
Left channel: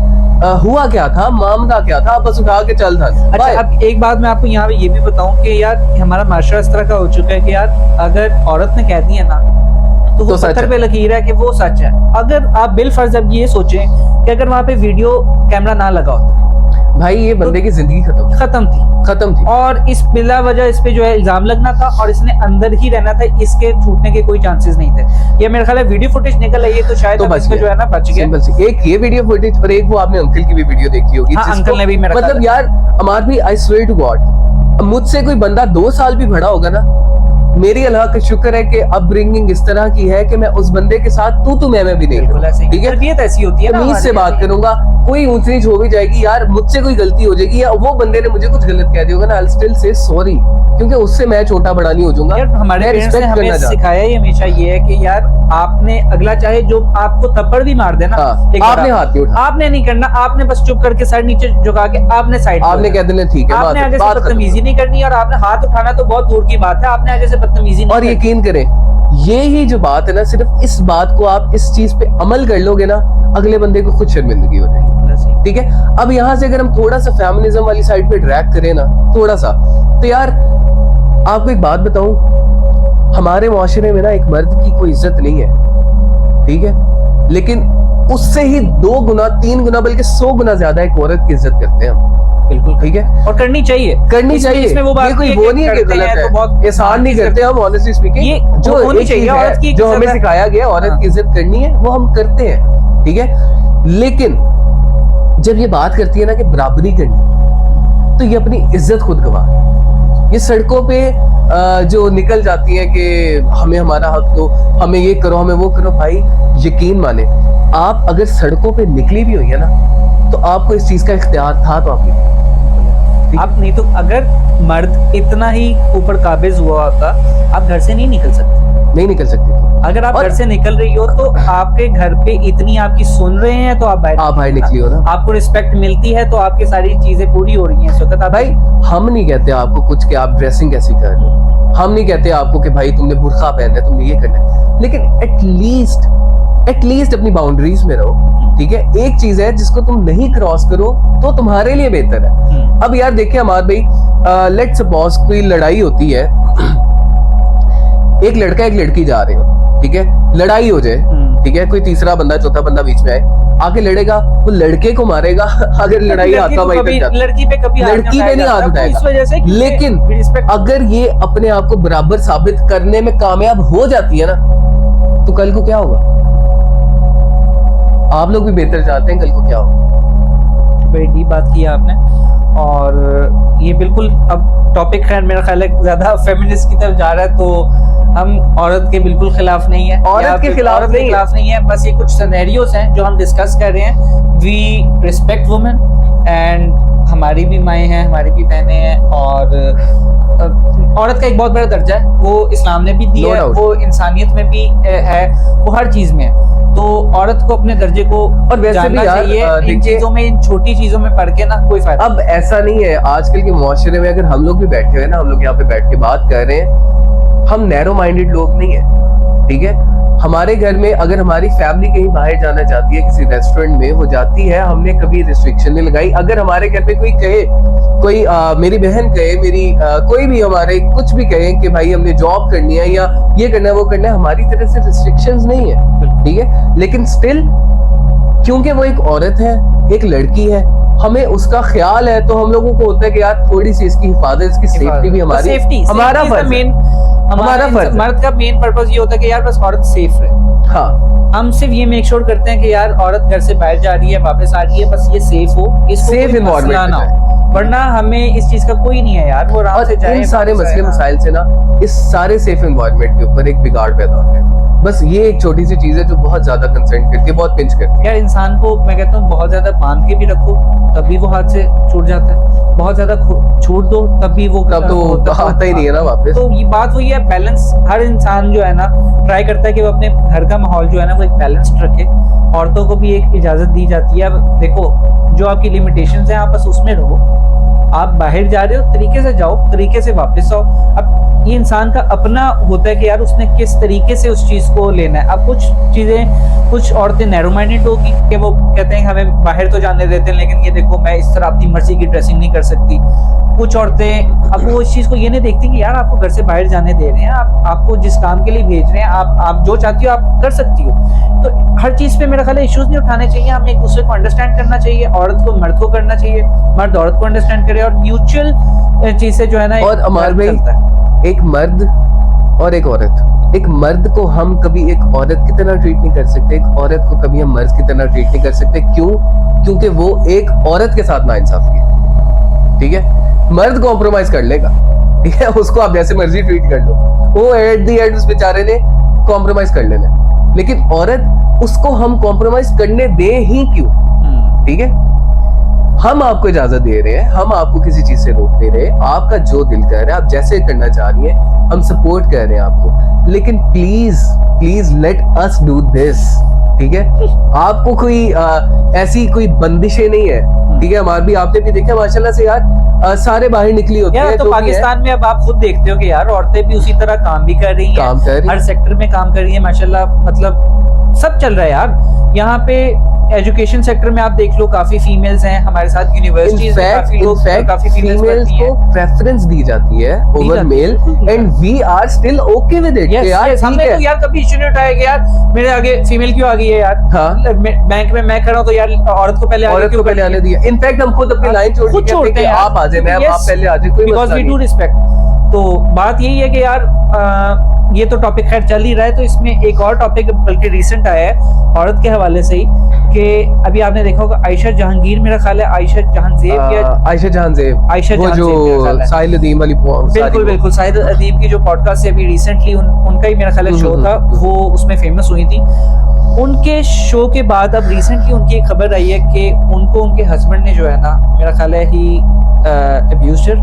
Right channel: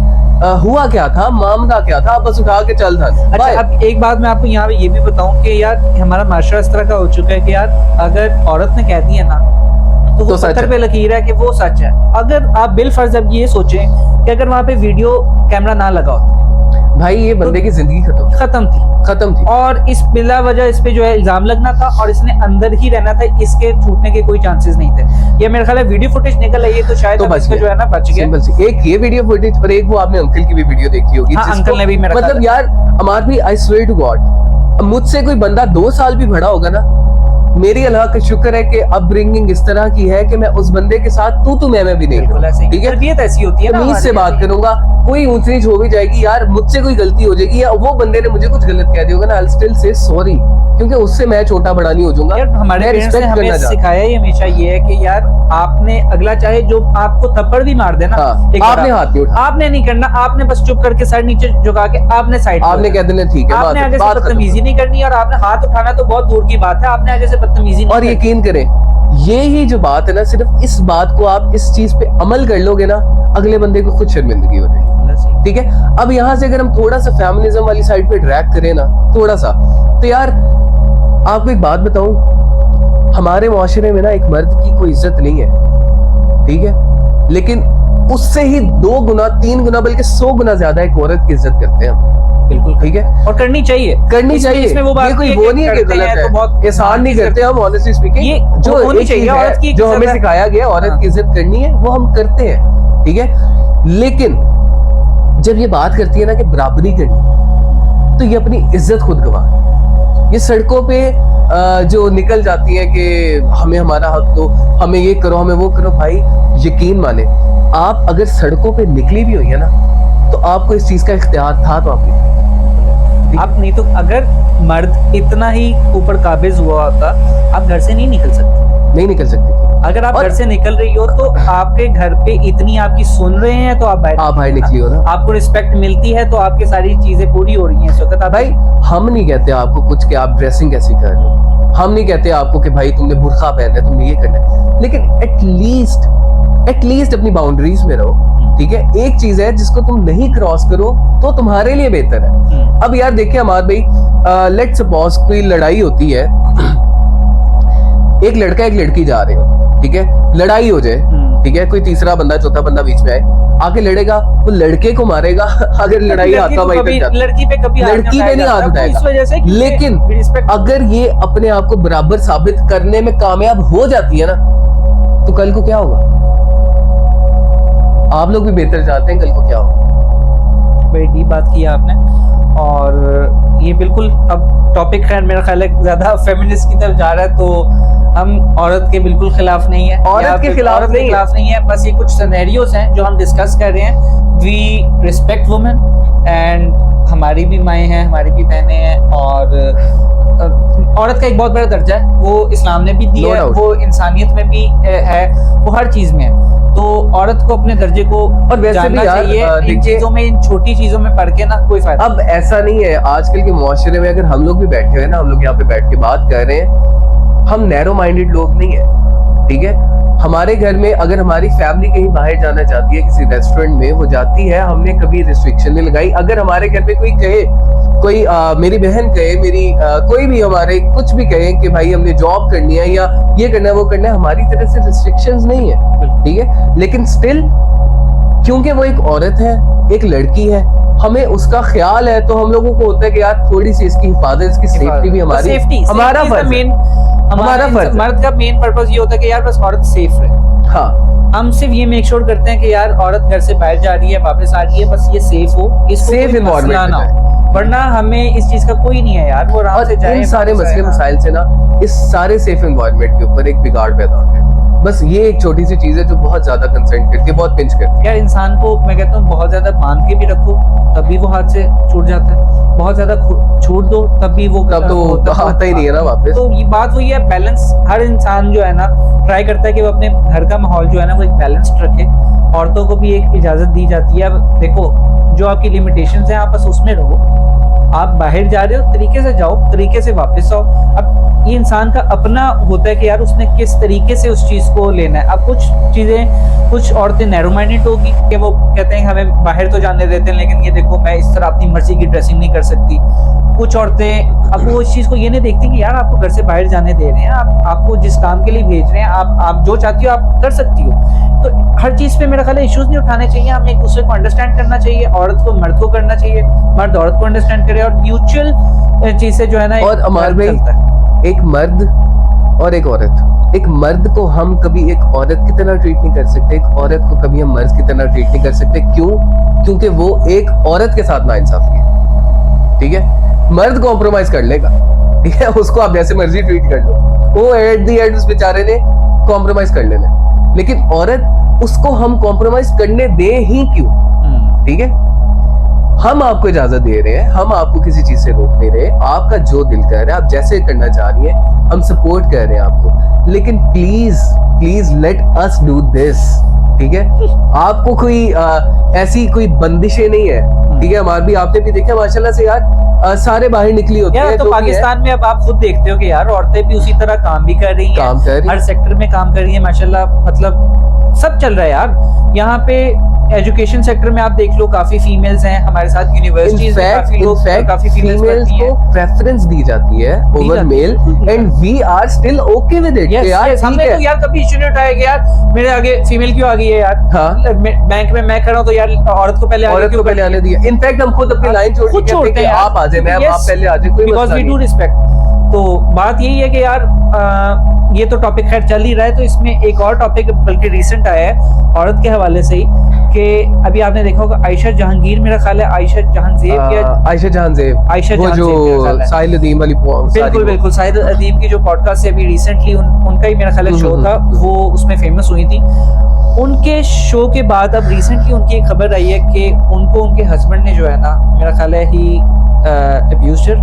हुआ क्या था, मामला क्या था, बस उठा के चल था। अच्छा, अब एक बात मैं आपको यहाँ पे ये भी बताऊं कि यार हमारा माशरा इस तरह का हो चुका है कि यार अगर औरत ने कह दिया ना तो वो पत्थर पे लकीर है कि वो सच है। अगर आप बिल फर्ज अब ये सोचें कि अगर वहां पे वीडियो कैमरा ना लगा होता, भाई ये बंदे की जिंदगी खत्म थी और इस बिला वजह इस पे जो है इल्जाम लगना था, और इसने अंदर ही रहना था, इसके छूटने के कोई चांसेस नहीं थे। ये मेरे ख्याल है वीडियो फुटेज निकल आई है तो शायद तो इसमें जो है ना बच गया। सिंपल सी एक ये वीडियो फुटेज, और एक वो आपने अंकल की भी वीडियो देखी होगी, अंकल ने भी, मेरा मतलब यार अमार भी, आई स्वेयर टू गॉड, मुझसे कोई बंदा 2 साल भी बड़ा होगा ना, मेरी अल्लाह का शुक्र है कि अपब्रिंगिंग इस तरह की है कि मैं उस बंदे के साथ तू मैं भी नहीं करूंगा, ठीक है, तरबियत ऐसी होती है ना, तमीज से बात करूंगा। कोई ऊंच नीच हो भी जाएगी यार, मुझसे कोई गलती हो जाएगी या वो बंदे ने मुझे कुछ गलत कह दिया होगा ना, आई स्टिल से सॉरी, क्योंकि उससे मैं छोटा बड़ा नहीं हो जाऊंगा। यार हमारे पेरेंट्स ने हमें सिखाया ही हमेशा ये है कि यार आपने अगला चाहे जो आपको थप्पड़ भी मार देना, आपने हाथ नहीं उठाना, आपने नहीं करना, आपने बस चुप करके सर नीचे झुका के आपने साइड, आपने कह देना ठीक है, आपने आगे से बदतमीजी नहीं करनी, और आपने हाथ उठाना तो बहुत दूर की बात है, आपने आगे से बदतमीजी नहीं। और यकीन करें ये ही जो बात है ना, सिर्फ इस बात को आप इस चीज पे अमल कर लोगे ना, अगले बंदे को खुद शर्मिंदगी हो जाएगी, ठीक है। अब यहाँ से अगर हम थोड़ा सा फेमिनिज्म वाली साइड पे ड्रैग करें ना, थोड़ा सा, तो यार आपको एक बात बताऊं, हमारे मुआशरे में ना एक मर्द की कोई इज्जत नहीं है, ठीक है, लेकिन उससे ही 2 गुना 3 गुना बल्कि 100 गुना ज्यादा एक औरत की इज्जत करते हैं हम। बिल्कुल ठीक है, और करनी चाहिए इसमें वो बात कोई वो नहीं है कि गलत है, बहुत एहसान नहीं करते हम, ऑनेस्टली स्पीकिंग जो होनी चाहिए औरत की, जो हमें सिखाया गया औरत की इज्जत करनी है वो हम करते हैं, ठीक है। लेकिन जब ये बात करती है ना कि बराबरी करनी, तो ये अपनी इज्जत खुद गवा, ये सड़कों पे जो निकल जाती है कि हमें हमारा हक दो, हमें ये करो, हमें वो करो। भाई यकीन माने, आप अगर सड़कों पे निकली भी हुई है ना, तो आपको इस चीज का इख्तियार था तो आप नहीं तो अगर मर्द इतना ही ऊपर काबिज हुआ होता, आप घर से नहीं निकल सकती थी। अगर आप घर से निकल रही हो तो आपके घर पे इतनी आपकी सुन रहे हैं तो आप बाहर निकली हो ना, आपको रिस्पेक्ट मिलती है तो आपकी सारी चीजें पूरी हो रही हैं इस वक्त। भाई हम नहीं कहते आपको कुछ कि आप ड्रेसिंग कैसी कर रहे हो, हम नहीं कहते आपको कि भाई तुमने बुर्का पहनना है, तुमने ये करना है, लेकिन एटलीस्ट अपनी बाउंड्रीज में रहो, ठीक है। एक चीज है जिसको तुम नहीं क्रॉस करो तो तुम्हारे लिए बेहतर है। अब यार देखिए हमारे भाई, लेट्स सपोज कोई लड़ाई होती है, एक लड़का एक लड़की जा रहे हो, ठीक है, लड़ाई हो जाए, ठीक है, कोई तीसरा बंदा चौथा बंदा बीच में आए, आके लड़ेगा, वो लड़के को मारेगा अगर लड़ाई हाथा भाई लड़की पे नहीं हाथ उठाएगा। लेकिन अगर ये अपने आप को बराबर साबित करने में कामयाब हो जाती है ना, तो कल को क्या होगा? आप लोग भी बेहतर चाहते हैं, कल को क्या होगा? बड़ी डीप बात की आपने, और ये बिल्कुल अब टॉपिक खैर मेरा ख्याल है ज्यादा फेमिनिस्ट की तरफ जा रहा है, तो हम औरत के बिल्कुल खिलाफ नहीं है, औरत के खिलाफ नहीं है, बस ये कुछ सिनेरियोस हैं जो हम डिस्कस कर रहे हैं। वी रिस्पेक्ट वुमेन एंड हमारी भी माएँ हैं, हमारी भी बहनें हैं, और औरत का एक बहुत बड़ा दर्जा है, वो इस्लाम ने भी दिया है, वो इंसानियत में भी है, वो हर चीज में है। तो औरत को अपने दर्जे को और वैसे भी चाहिए, इन चीजों में, इन छोटी चीजों में पढ़ के ना कोई फायदा। अब ऐसा नहीं है, आजकल के मुआशरे में अगर हम लोग भी बैठे हुए ना, हम लोग यहाँ पे बैठ के बात कर रहे हैं, हम नैरो माइंडेड लोग नहीं है, ठीक है। हमारे घर में अगर हमारी फैमिली कहीं बाहर जाना चाहती है, किसी रेस्टोरेंट में वो जाती है, हमने कभी रिस्ट्रिक्शन नहीं लगाई। अगर हमारे घर पे कोई कहे, कोई मेरी बहन कहे, मेरी कोई भी हमारे कुछ भी कहे कि भाई हमने जॉब करनी है या ये करना है वो करना है, हमारी तरफ से रिस्ट्रिक्शंस नहीं है, ठीक है। लेकिन स्टिल क्योंकि वो एक औरत है, एक लड़की है, हमें उसका ख्याल है, तो हम लोगों को होता है कि यार थोड़ी सी इसकी हिफाजत, इसकी सेफ्टी भी हमारी, हमारा फर्ज है। हमारा मर्द का मेन पर्पस ये होता है कि यार बस औरत सेफ रहे। हाँ, हम सिर्फ ये मेक श्योर करते हैं कि यार औरत घर से बाहर जा रही है, वापस आ रही है, बस ये सेफ हो, सेफ एनवायरनमेंट हो, वरना हमें इस चीज का कोई नहीं है यार, वो आराम से जाए। इन सारे मसले मसाइल से ना, इस सारे सेफ एनवायरनमेंट के ऊपर एक बिगाड़ पैदा हो गया। बस ये एक छोटी सी चीज है जो बहुत ज्यादा कंसर्न करती है, बहुत पिंच करती है। यार इंसान को मैं कहता हूँ बहुत ज्यादा बांध के भी रखो तभी वो हाथ से छूट जाता है, बहुत ज्यादा छोड़ दो तब भी वो आता ही नहीं है ना वापस। तो ये बात वही है, बैलेंस। हर इंसान जो है ना ट्राई करता है कि वो अपने घर का माहौल जो है ना वो एक बैलेंस्ड रखे। औरतों को भी एक इजाजत दी जाती है। अब देखो, जो आपकी लिमिटेशंस हैं आप बस उसमें रहो। आप बाहर जा रहे हो, तरीके से जाओ, तरीके से वापस आओ। अब ये इंसान का अपना होता है कि यार उसने किस तरीके से उस चीज को लेना है। अब कुछ चीजें, कुछ औरतें नैरो माइंडेड होगी कि वो कहते हैं हमें बाहर तो जाने देते हैं, लेकिन ये देखो मैं इस तरह अपनी मर्जी की ड्रेसिंग नहीं कर सकती। कुछ औरतें अब वो इस चीज को ये नहीं देखती कि यार आपको घर से बाहर जाने दे रहे हैं, आपको जिस काम के लिए भेज रहे हैं, आप जो चाहती हो आप कर सकती हो। तो हर चीज पे मेरा ख्याल है इश्यूज नहीं उठाने चाहिए, हमें एक दूसरे को अंडरस्टैंड करना चाहिए। औरत को मर्द को करना चाहिए, मर्द औरत को अंडरस्टैंड करे, और म्यूचुअल चीज से जो है ना। और हमारे भाई एक मर्द और एक औरत, एक मर्द को हम कभी एक औरत की तरह ट्रीट नहीं कर सकते, एक औरत को कभी हम मर्द की तरह ट्रीट नहीं कर सकते। क्यों? क्योंकि वो एक औरत के साथ नाइंसाफी है, ठीक है। मर्द कॉम्प्रोमाइज कर लेगा, ठीक है, उसको आप जैसे मर्जी ट्रीट कर लो, वो एट द एंड उस बेचारे ने कॉम्प्रोमाइज कर लेना। लेकिन औरत, उसको हम कॉम्प्रोमाइज करने दे ही क्यों? ठीक है, हम आपको इजाजत दे रहे हैं, हम आपको किसी चीज से रोक नहीं रहे। आपका जो दिल कर रहा है, आप जैसे करना चाह रही हैं, हम सपोर्ट कर रहे हैं आपको। लेकिन please please let us do this, ठीक है। आपको कोई ऐसी कोई बंदिशें नहीं है, ठीक है। हमारे भी, आपने भी देखा माशाल्लाह से यार, सारे बाहर निकली होती है। तो पाकिस्तान में अब आप खुद देखते हो कि यार औरतें भी उसी तरह काम भी कर रही हैं, हर सेक्टर में काम कर रही है माशाल्लाह। मतलब सब चल रहा है यार। यहाँ पे एजुकेशन सेक्टर में आप देख लो, काफी फीमेल्स हैं हमारे साथ, यूनिवर्सिटीज में काफी लोग, काफी फीमेल्स फीमेल्स को प्रेफरेंस दी जाती है over male, and we are still okay with it. यार हमने तो यार कभी इश्यू नहीं उठाया कि यार मेरे आगे फीमेल क्यों आ गई है यार। हाँ? बैंक में मैं खड़ा हूं तो यार औरत को पहले आने दिया। इनफैक्ट हम खुद अपनी लाइन छोड़ते हैं, आप आ जाए, मैम आप पहले आ जाए, कोई बिकॉज़ वी डू रिस्पेक्ट। तो बात यही है कि यार ये तो टॉपिक खैर चल ही रहा है, तो इसमें एक और टॉपिक बल्कि रिसेंट आया है औरत के हवाले से ही, कि अभी आपने देखा होगा आयशा जहांगीर, मेरा ख्याल है आयशा जहांजेब या आयशा जहांजेब वो जो साहिल अदीम वाली, बिल्कुल साहिल अदीम की जो पॉडकास्ट है अभी रिसेंटली उनका ही मेरा ख्याल है शो था, वो उसमें फेमस हुई थी। उनके शो के बाद अब रिसेंटली उनकी एक खबर आई है कि उनको उनके हस्बैंड ने जो है ना, मेरा ख्याल है ही अब्यूज्ड हर,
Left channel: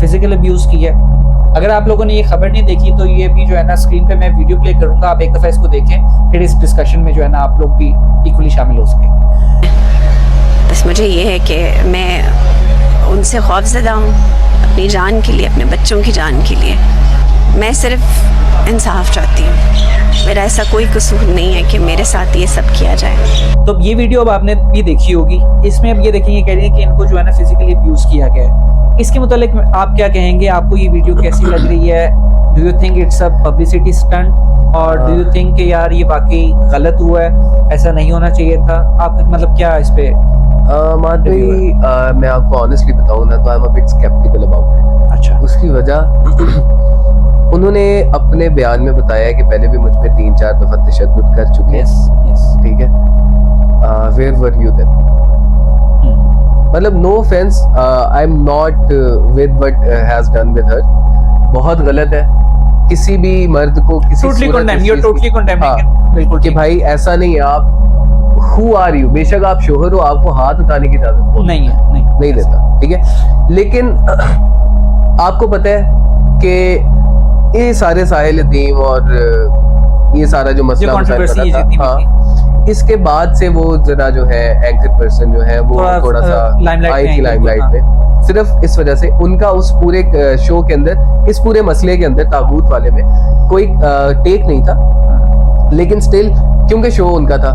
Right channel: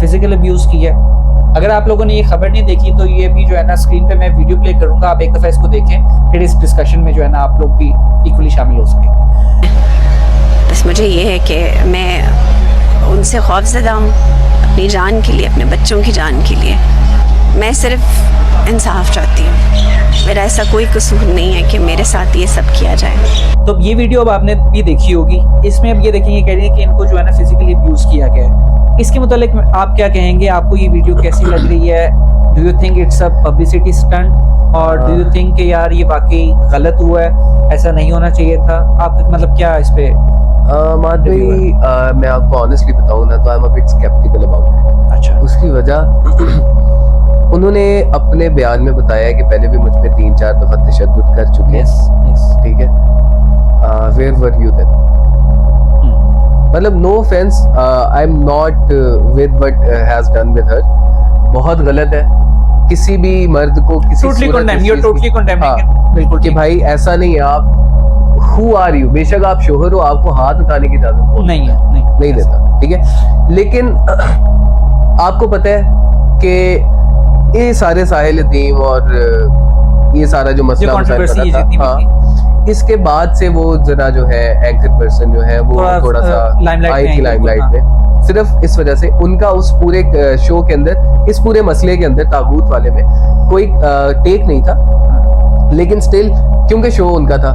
फिजिकल अब्यूज किया है। अगर आप लोगों ने ये खबर नहीं देखी तो ये भी जो है ना स्क्रीन पे मैं वीडियो प्ले करूंगा, आप एक दफा इसको देखें, फिर इस डिस्कशन में जो है ना आप लोग भी इक्वली शामिल हो सकेंगे। बस मुझे ये है कि मैं उनसे खौफज़दा हूँ अपनी जान के लिए, अपने बच्चों की जान के लिए। मैं सिर्फ इंसाफ चाहती हूँ, मेरा ऐसा कोई कसूर नहीं है कि मेरे साथ ये सब किया जाए। तो ये वीडियो अब आपने भी देखी होगी, इसमें अब ये देखेंगे, कह रही है कि इनको जो है ना फिजिकली अब्यूज किया गया है। इसके मुतालिक आप क्या कहेंगे, आपको ये वीडियो कैसी लग रही है? Do you think it's a publicity stunt, और डू यू थिंक कि यार ये वाकई गलत हुआ है, ऐसा नहीं होना चाहिए था? आपका मतलब क्या इस पे? माद भाई मैं आपको ऑनेस्टली बताऊं ना तो I am a bit sceptical about it. अच्छा। उसकी वजह उन्होंने अपने बयान में बताया है कि पहले भी मुझ पे 3-4 दफा तशद्दुद कर चुके हैं। ठीक है, वेयर वर यू देन? मतलब no offence, I am not with what has done with her, बहुत गलत है। किसी भी मर्द को किसी बिल्कुल कि भाई ऐसा नहीं है, आप हु आर यू, बेशक आप शोहर हो, आपको हाथ उठाने की इजाजत नहीं है, नहीं देता, ठीक है। लेकिन आपको पता है कि ये सारे साहिल अदीम और ये सारा जो मसला इसके बाद से वो जरा जो है एंकर पर्सन जो है वो थोड़ा सा आई थी लाइमलाइट में, सिर्फ इस वजह से उनका उस पूरे शो के अंदर, इस पूरे मसले के अंदर, ताबूत वाले में कोई टेक नहीं था, लेकिन स्टिल क्योंकि शो उनका था,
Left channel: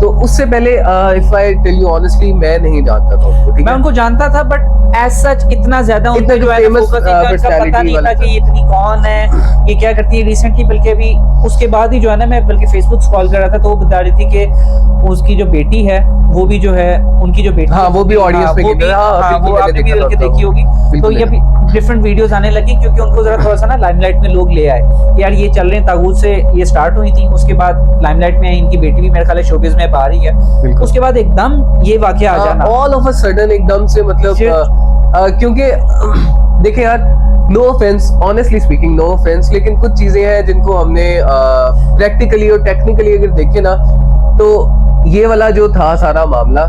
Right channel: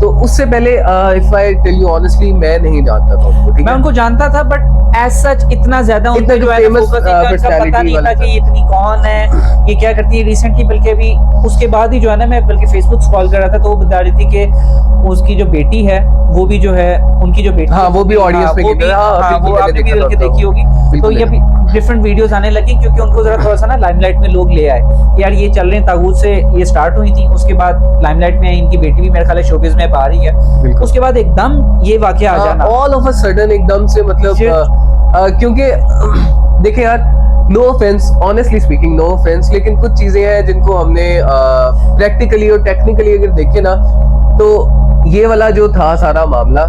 तो उससे पहले if I tell you honestly मैं नहीं जानता था उनको। मैं उनको जानता था बट एज सच इतना ज्यादा उनका जो है फोकस पता नहीं था कि ये इतनी कौन है, ये क्या करती है। रिसेंटली बल्कि अभी उसके बाद ही जो है ना, मैं बल्कि फेसबुक स्क्रॉल कर रहा था तो वो बता रही थी कि उसकी जो बेटी है वो भी जो है, उनकी जो बेटी, हाँ वो भी ऑडियंस में, वो आपने भी बल्कि देखी होगी। तो ये भी डिफरेंट वीडियोस आने लगी क्योंकि उनको जरा थोड़ा सा ना लाइमलाइट में लोग ले आए कि यार ये चल रहे हैं, तागूत से ये स्टार्ट हुई थी, उसके बाद लाइमलाइट में इनकी बेटी भी मेरे ख्याल है शोबिज में बाहर ही है, उसके बाद एकदम ये वाकया आ जाना ऑल ऑफ अ सडन एकदम से, मतलब क्योंकि देखिए यार, no offence, honestly speaking no offence, लेकिन कुछ चीजें हैं जिनको हमने प्रैक्टिकली और टेक्निकली अगर देखे ना, तो ये वाला जो था सारा मामला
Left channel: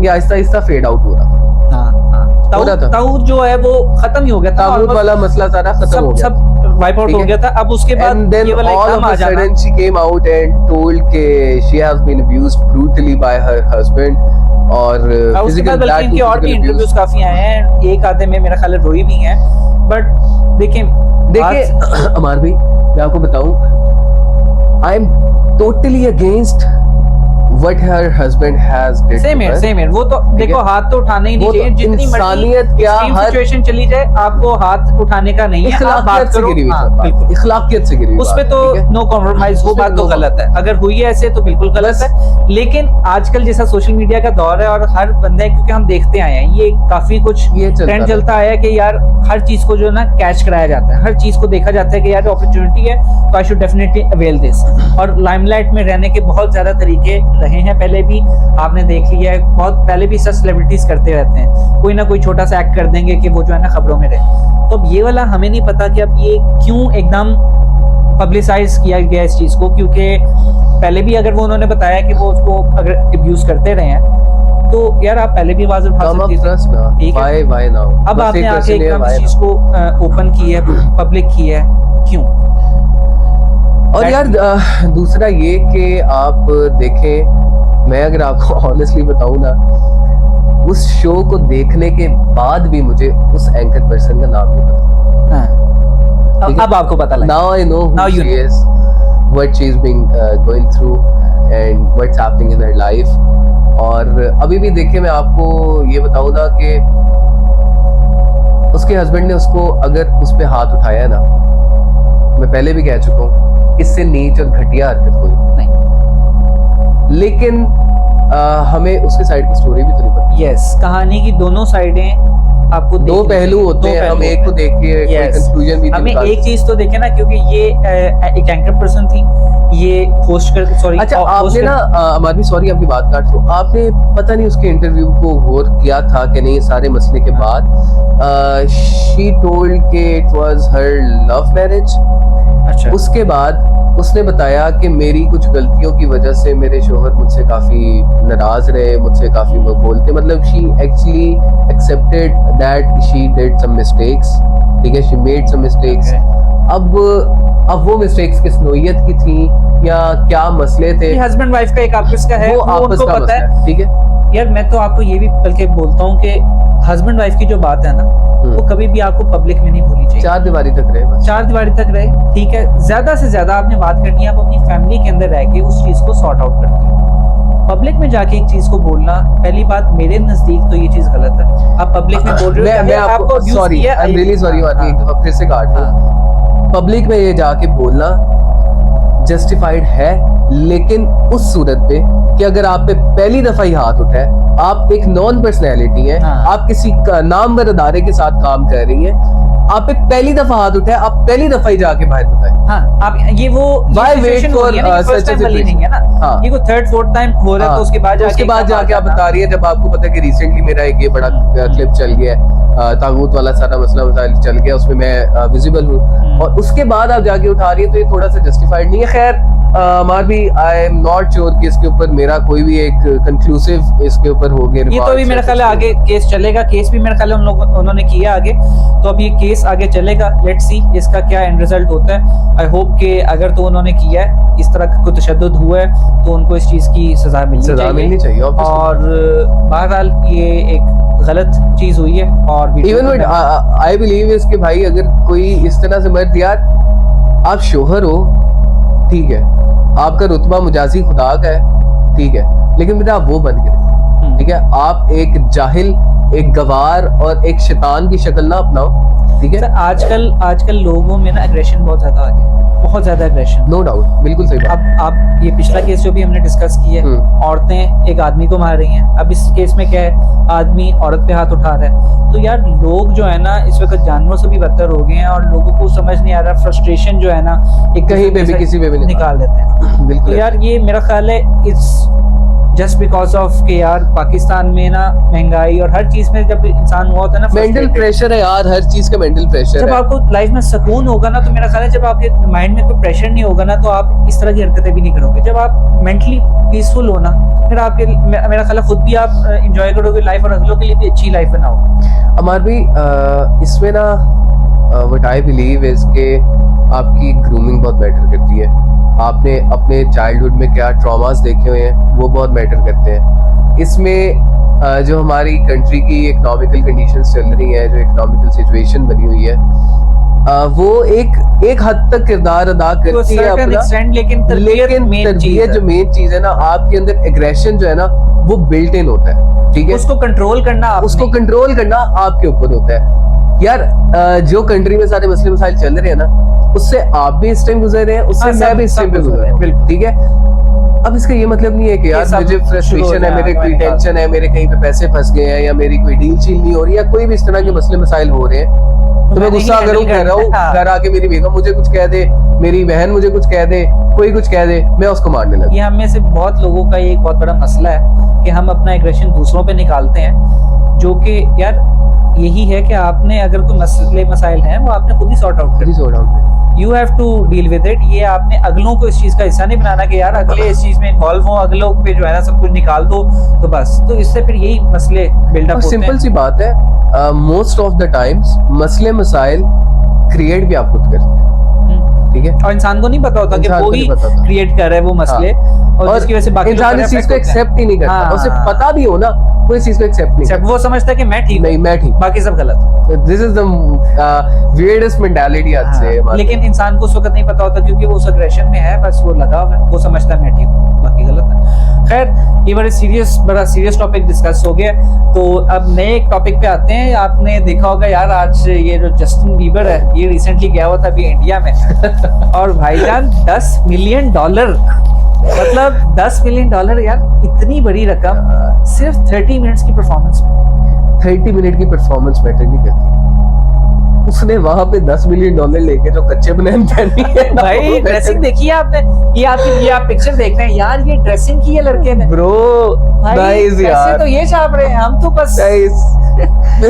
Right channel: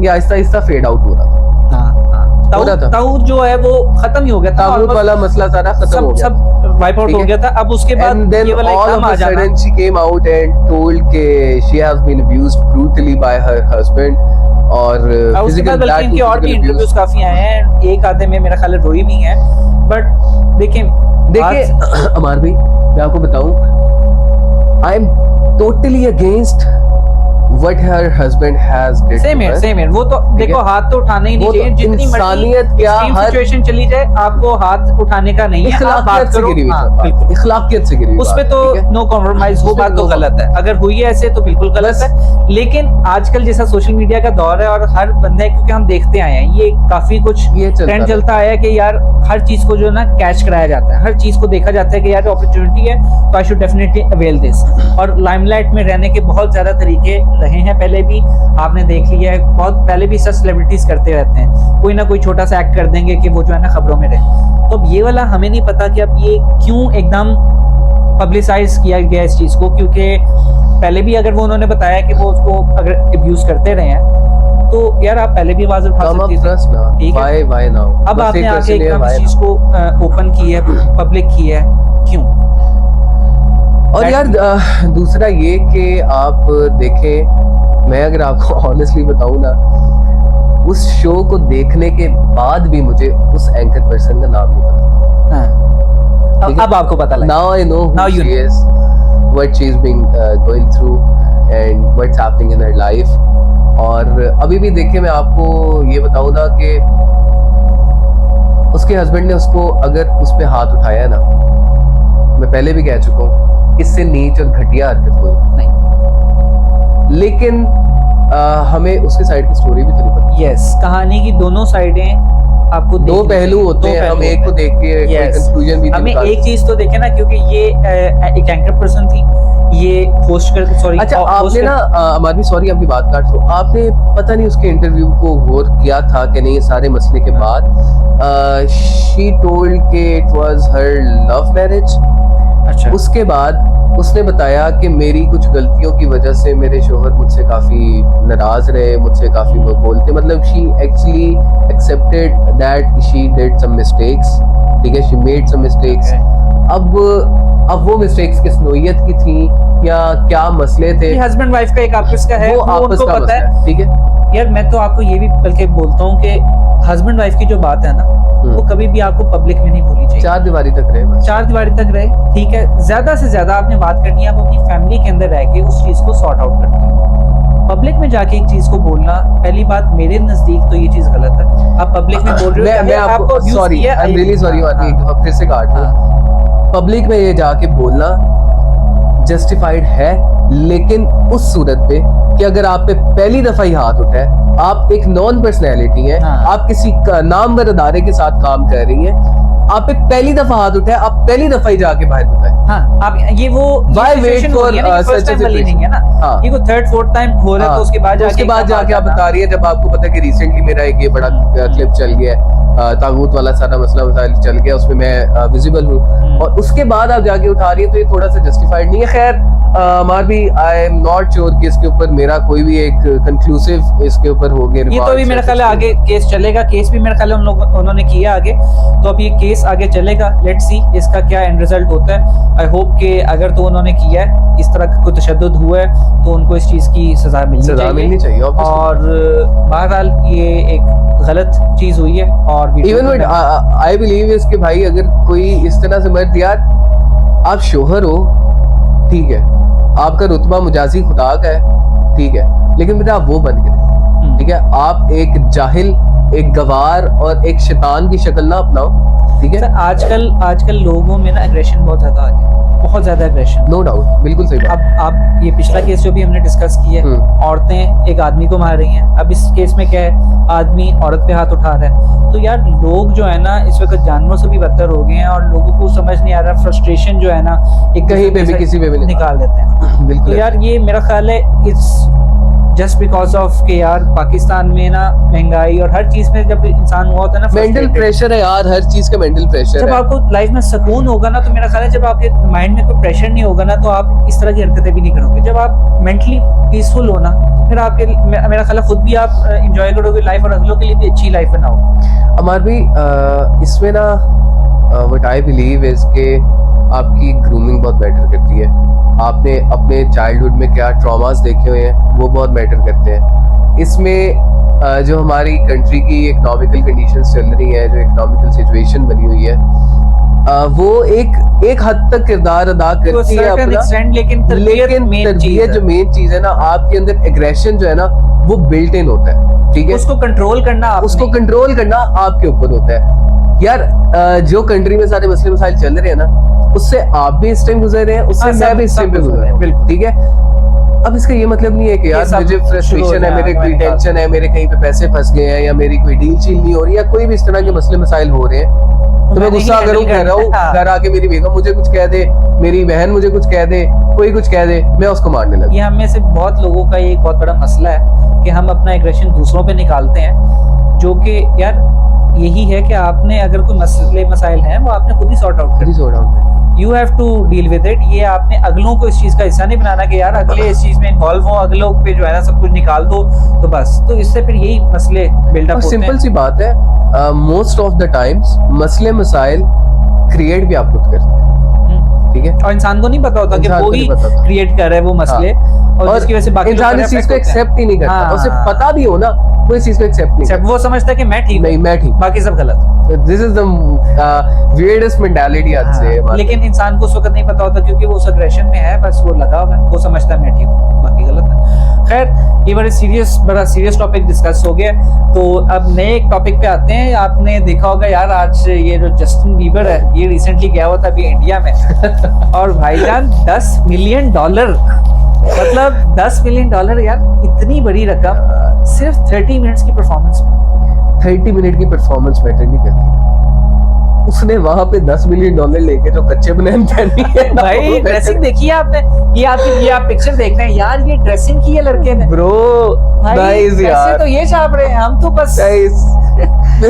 ये आहिस्ता आहिस्ता फेड आउट हो रहा था। ताऊद जो है वो खत्म ही हो गया था, ताऊद वाला मसला सारा खत्म हो गया, सब वाइप आउट हो गया था। अब उसके बाद ये वाला एकदम आ जाना, she came out and told के she has been abused brutally by her husband, और उसके बाद बल्कि इनके और भी इंटरव्यूज काफी आए हैं, एक आधे में मेरा ख्याल है रोई भी हैं, बट देखिए अमार भाई मैं आपको बताऊं, I am totally against what her husband has did. Same here. वो तो देखो हाथ तो उठाना ही नहीं चाहिए, जितनी इंसानियत क्या हर सिचुएशन चली जाए आपको हाथ उठाने का नहीं है, आप बात करो। बिल्कुल इखलाकियत से गिरी, उस पे तो नो कॉम्प्रोमाइज, वो बात तो गलत है, अगर हुई है ऐसे तो बिल्कुल गलत है। लेकिन आजकल जैसा सोशल मीडिया का दौर है और हर बंदा, क्योंकि हम देखते आए हैं ये काफी कुछ ट्रेंड चलता आया कि यार हर चीज को जो है ना कैच कराया जाता है, हर चीज को देखा जाता है कि यार अपॉर्चुनिटी है तो I should definitely avail this. और लाइमलाइट में रहने के बहुत ज्यादा तरीके रहे हैं, पहले भी आपने देख लिया है, बहुत पहले भी सब सेलिब्रिटीज करते रहते हैं, कोई ना कोई छोटा सा एक्ट कर देंगे कि वो जो है ना खबरों में रहे। तो अब ये वाला हमें नहीं पता कि अब ये क्यों एकदम पब्लिसाइज किया गया इस चीज को, क्योंकि पहले भी अगर वो उन्होंने बताया कि वो उसको अगर अब्यूज करते रहे हैं तो यार आप पहले भी आवाज उठा सकते थे, ठीक है? अब आपने आके एकदम इस चीज को ओपन की है, पब्लिक की है, क्यों? और यार दूसरा ये कि आप देखें, मैं अगर आपको ऑनेस्टली बताऊं ना, उस शो को देखने के बाद भी मुझे उस एंकर पर्सन का नाम नहीं पता। अब आपको पता लगा। Now I know who she is, what she is being going through and what's happening in her life. और अभी भी देखिए, मैं आपको ये बताऊं ना कि उसके हस्बैंड ने उसको अगर उस पे हाथ उठाया ना, मैं पहले भी कह चुका हूँ, इससे नीच और घटिया हरकत हुई नहीं। लेकिन हमें उसके साइड की स्टोरी भी तो नहीं पता। यस, कहानी की दोनों साइडें आपको दो पहलू होते हैं, हम एक को देख के कोई कंक्लूजन भी नहीं हमें निकाल एक चीज तो देखे ना, क्योंकि ये एक एंकर पर्सन थी, ये होस्ट कर सॉरी अच्छा आपने ना हमारी सॉरी आपकी बात काट रहा हूं, आपने पता नहीं उसके इंटरव्यू को गौर किया था कि नहीं, सारे मसले के बाद शी टोल्ड के it was her love marriage. अच्छा, उसके बाद उसने बताया कि मेरी कुछ गलतियों की वजह से मेरे शोहर मुझसे काफी नाराज रहे, मुझसे काफी वो बोलते, मतलब she actually accepted that she did some mistakes, ठीक है, शी मेड सम मिस्टेक्स। अब वो मिस्टेक्स किस नोयत की थी या क्या मसले थे, हस्बैंड वाइफ का एक आपस का है, वो आपस उनको का पता मसला है। है, ठीक है। यार मैं तो आपको ये भी बल्कि बोलता हूँ कि हस्बैंड वाइफ की जो बात है ना, वो कभी भी आपको पब्लिक में नहीं भूलनी चाहिए। चार दीवारी तक रहे बस, चार दीवारी तक रहे, ठीक है। ज्यादा से ज्यादा आपने बात करनी है, आप अपनी फैमिली के अंदर रह के उस चीज को सॉर्ट आउट करते हैं। पब्लिक में जाके एक चीज को बोलना, पहली बात मेरे नजदीक तो ये चीज गलत है। आप पब्लिक में बोल रहे हो, मैं आपको sorry, I am really sorry, एक दफा फिर से काट रहा हूं। पब्लिक में ये जाके बोलना जस्टिफाइड है, लेकिन उस सूरत पे कि अगर आप पे पहली दफा ही हाथ उठा है, आप एक नॉन पर्सनैलिटी हैं, आप किसी नामवर अदारे के साथ काम कर रही हैं, आप पे पहली दफा हाथ उठा है, आप पहली दफा ही जाके बाहर बताएं। हाँ, आप ये वो Why wait for first time वाली नहीं है ना, हाँ, ये को थर्ड फोर्थ टाइम हो रहा है, तो उसके बाद जाके आप बता रही है, जब आपको पता है कि रिसेंटली मेरा एक ये बड़ा क्लिप चल गया है, तागूत वाला सारा मसला मसाइल चल गया, उसमें मैं विजिबल हूँ, और उसके बाद आप जाके उठा रही है, तो ये थोड़ा सा जस्टिफाइड नहीं है। खैर हमार भी आई एम नॉट श्योर कि इसके ऊपर मेरा कोई भी एक कंक्लूसिव इसके ऊपर हो गया। ये तो अभी मेरा ख्याल है आगे केस चलेगा, केस भी मेरा ख्याल है उन्होंने किया आगे, तो अब ये केस आगे चलेगा, लेट्स सी इसका क्या एंड रिजल्ट होता है। आई होप कि अगर तो उन्होंने किया है, इस तरह का कोई तशद्दुद हुआ है, तो उनको इस चीज की सजा मिलनी चाहिए और बहरहाल ये एक गलत चीज हुई है। और इवन आई बिलीव इसके भाई, अगर कोई इस तरह से मर्द, यार आप शोहर हो, ठीक है, आपका रुतबा मुजाजी खुदा का है, ठीक है, लेकिन बेटा आप वो बन गए, ठीक है, आप एक जाहिल, एक गवार और एक शैतान की शक्ल ना अपनाओ, ठीक है। आजकल लोगों में ना एग्रेशन बहुत ज्यादा आ गया, बहुत ज्यादा एग्रेशन, नो डाउट, बिल्कुल सही बात। अब ये पिछला केस जो भी हमने डिस्कस किया है, औरतें एक आदमी को मार रही हैं, अब इस केस में क्या है, आदमी औरत पे हाथ उठा रहा है। तो यार लोग जो है ना इस वक्त जानवरों से भी बदतर हो गए हैं, और लोगों को समझ नहीं आ रहा, फ्रस्ट्रेशन जो है ना एक कहीं पे भी किसी पे भी निकाल देते हैं। बिल्कुल तो यार ये मेरा ख्याल है इट्स जस्ट बिकॉज ऑफ के यार पाकिस्तान में ना महंगाई और हर चीज में जब इंसान हुआ होता है ना, मेंटल प्रेशर है यार, हर चीज का मेंटल प्रेशर है। जब आपको लाइफ में सुकून होगा ना, तो मेरा ख्याल है जब आपके माइंड में कोई प्रेशर नहीं होगा ना, तो आप इस तरह की हरकतें भी नहीं करोगे। जब आप मेंटली पीसफुल हो ना, तो फिर आपके मेरा ख्याल है खुद भी आप एंजॉय करोगे लाइफ, और अगलों के लिए भी अच्छी लाइफ बनाओगे। अमर भी इसमें ना व्हाट आई बिलीव इज के आपकी ग्रूमिंग बहुत मैटर करती है। आपने अपने चाइल्डहुड में क्या ट्रॉमास देखे हुए हैं, वो बहुत मैटर करते हैं। इसमें जो हमारी कंट्री की इकोनॉमिकल कंडीशंस चल रही हैं, जो इकोनॉमिकल सिचुएशन बनी हुई है, वो एक हद तक किरदार अदा करती है अपना, लेकिन तरबियत जो मेन चीज है ना, आपके अंदर एग्रेशन जो है ना, वो बिल्ट इन होता है, ठीक है। उसको कंट्रोल करना आपके ऊपर होता है। यार जो कंट्री में सारे मसले मसाइल चल रहे हैं ना, उससे आप भी इस टाइम गुजर रहे हैं, उससे मैं भी इस टाइम पे गुजर रहा हूं, बिल्कुल, ठीक है। अब इसका ये मतलब नहीं है कि यार मुझे फ्रस्ट्रेशन है, मेरे कोई टेंशन है, मेरे कहीं पे पैसे फंस गए हैं, या मेरी कोई डील शील नहीं हो रही, या कोई भी इस तरह के मसले मसाइल हो रहे हैं, तो मैं गुस्सा कर रहा हूँ, घर आके मेरी बेगम मुझे कुछ कह दे, मेरी बहन मुझे कुछ कह दे, कोई कुछ कह दे, मैं उसको मारने लगा। ये हम में से बहुत लोगों का ये एक बहुत बड़ा मसला है कि हम अपना एग्रेशन दूसरों पे निकालते हैं, जो कि यार यही है कि आपने अगर कोई मसले मसाइल हैं, वो आपने खुद ही सॉर्ट आउट करना। You have to deal with it। ये आपने अगलों को इस चीज का हिस्सा नहीं बनाना कि यार अगले इस चीज में इन्वॉल्व हो, अगलों पे जो है ना सब कुछ निकाल दो, तो बस, तो इससे फिर यही मसले बिल्डअप होते हैं। सिंपल सी बात है, मोस्ट ऑफ द टाइम्स मसले मसाइल क्रिएट भी आप खुद करते हैं, ठीक है, और इंसान को नहीं पता होता कि वो ही क्रिएट कर रहा है वो मसले, और जिसकी वजह से बाकी इंसान इस चीज को एक्सेप्ट ही नहीं करता, उसे पता भी हो ना, वो इस चीज को एक्सेप्ट नहीं करता, वो समझता है कि मैं ठीक, नहीं मैं ठीक, बाकी सब गलत। This is the weirdest mentality I'd say। लेकिन इंसान को उस वक्त नहीं पता होता, क्योंकि वो उस एग्रेशन में है, बस वो लगा हुआ है, वो समझता है मैं ठीक हूँ, बाकी गलत है। खैर ये बड़ा सीरियस टॉपिक डिस्कस हो गया। तो अब नए एक टॉपिक पे आते हैं। आपने देखा होगा यार, आज ये जो जस्टिन बीबर है ये रिसेंटली गया हुआ था अभी इंडिया में और भाईजान $10 मिलियन, मतलब $10 मिलियन यार, इतनी बड़ी रकम सिर्फ 30 मिनट्स की परफॉर्मेंस में। 30 मिनट की परफॉर्मेंस मैटर नहीं करती। उसने वहां पे $10 मिलियन लेके जो कच्चे बनैन पहनी है भाई ड्रेसिंग देखी है आपने? ये आप पिक्चर देख रहे हैं यार, ये ड्रेसिंग की है लड़के ने ब्रो। गाइस यार तो ये छाप रहे हैं, हम तो बस गाइस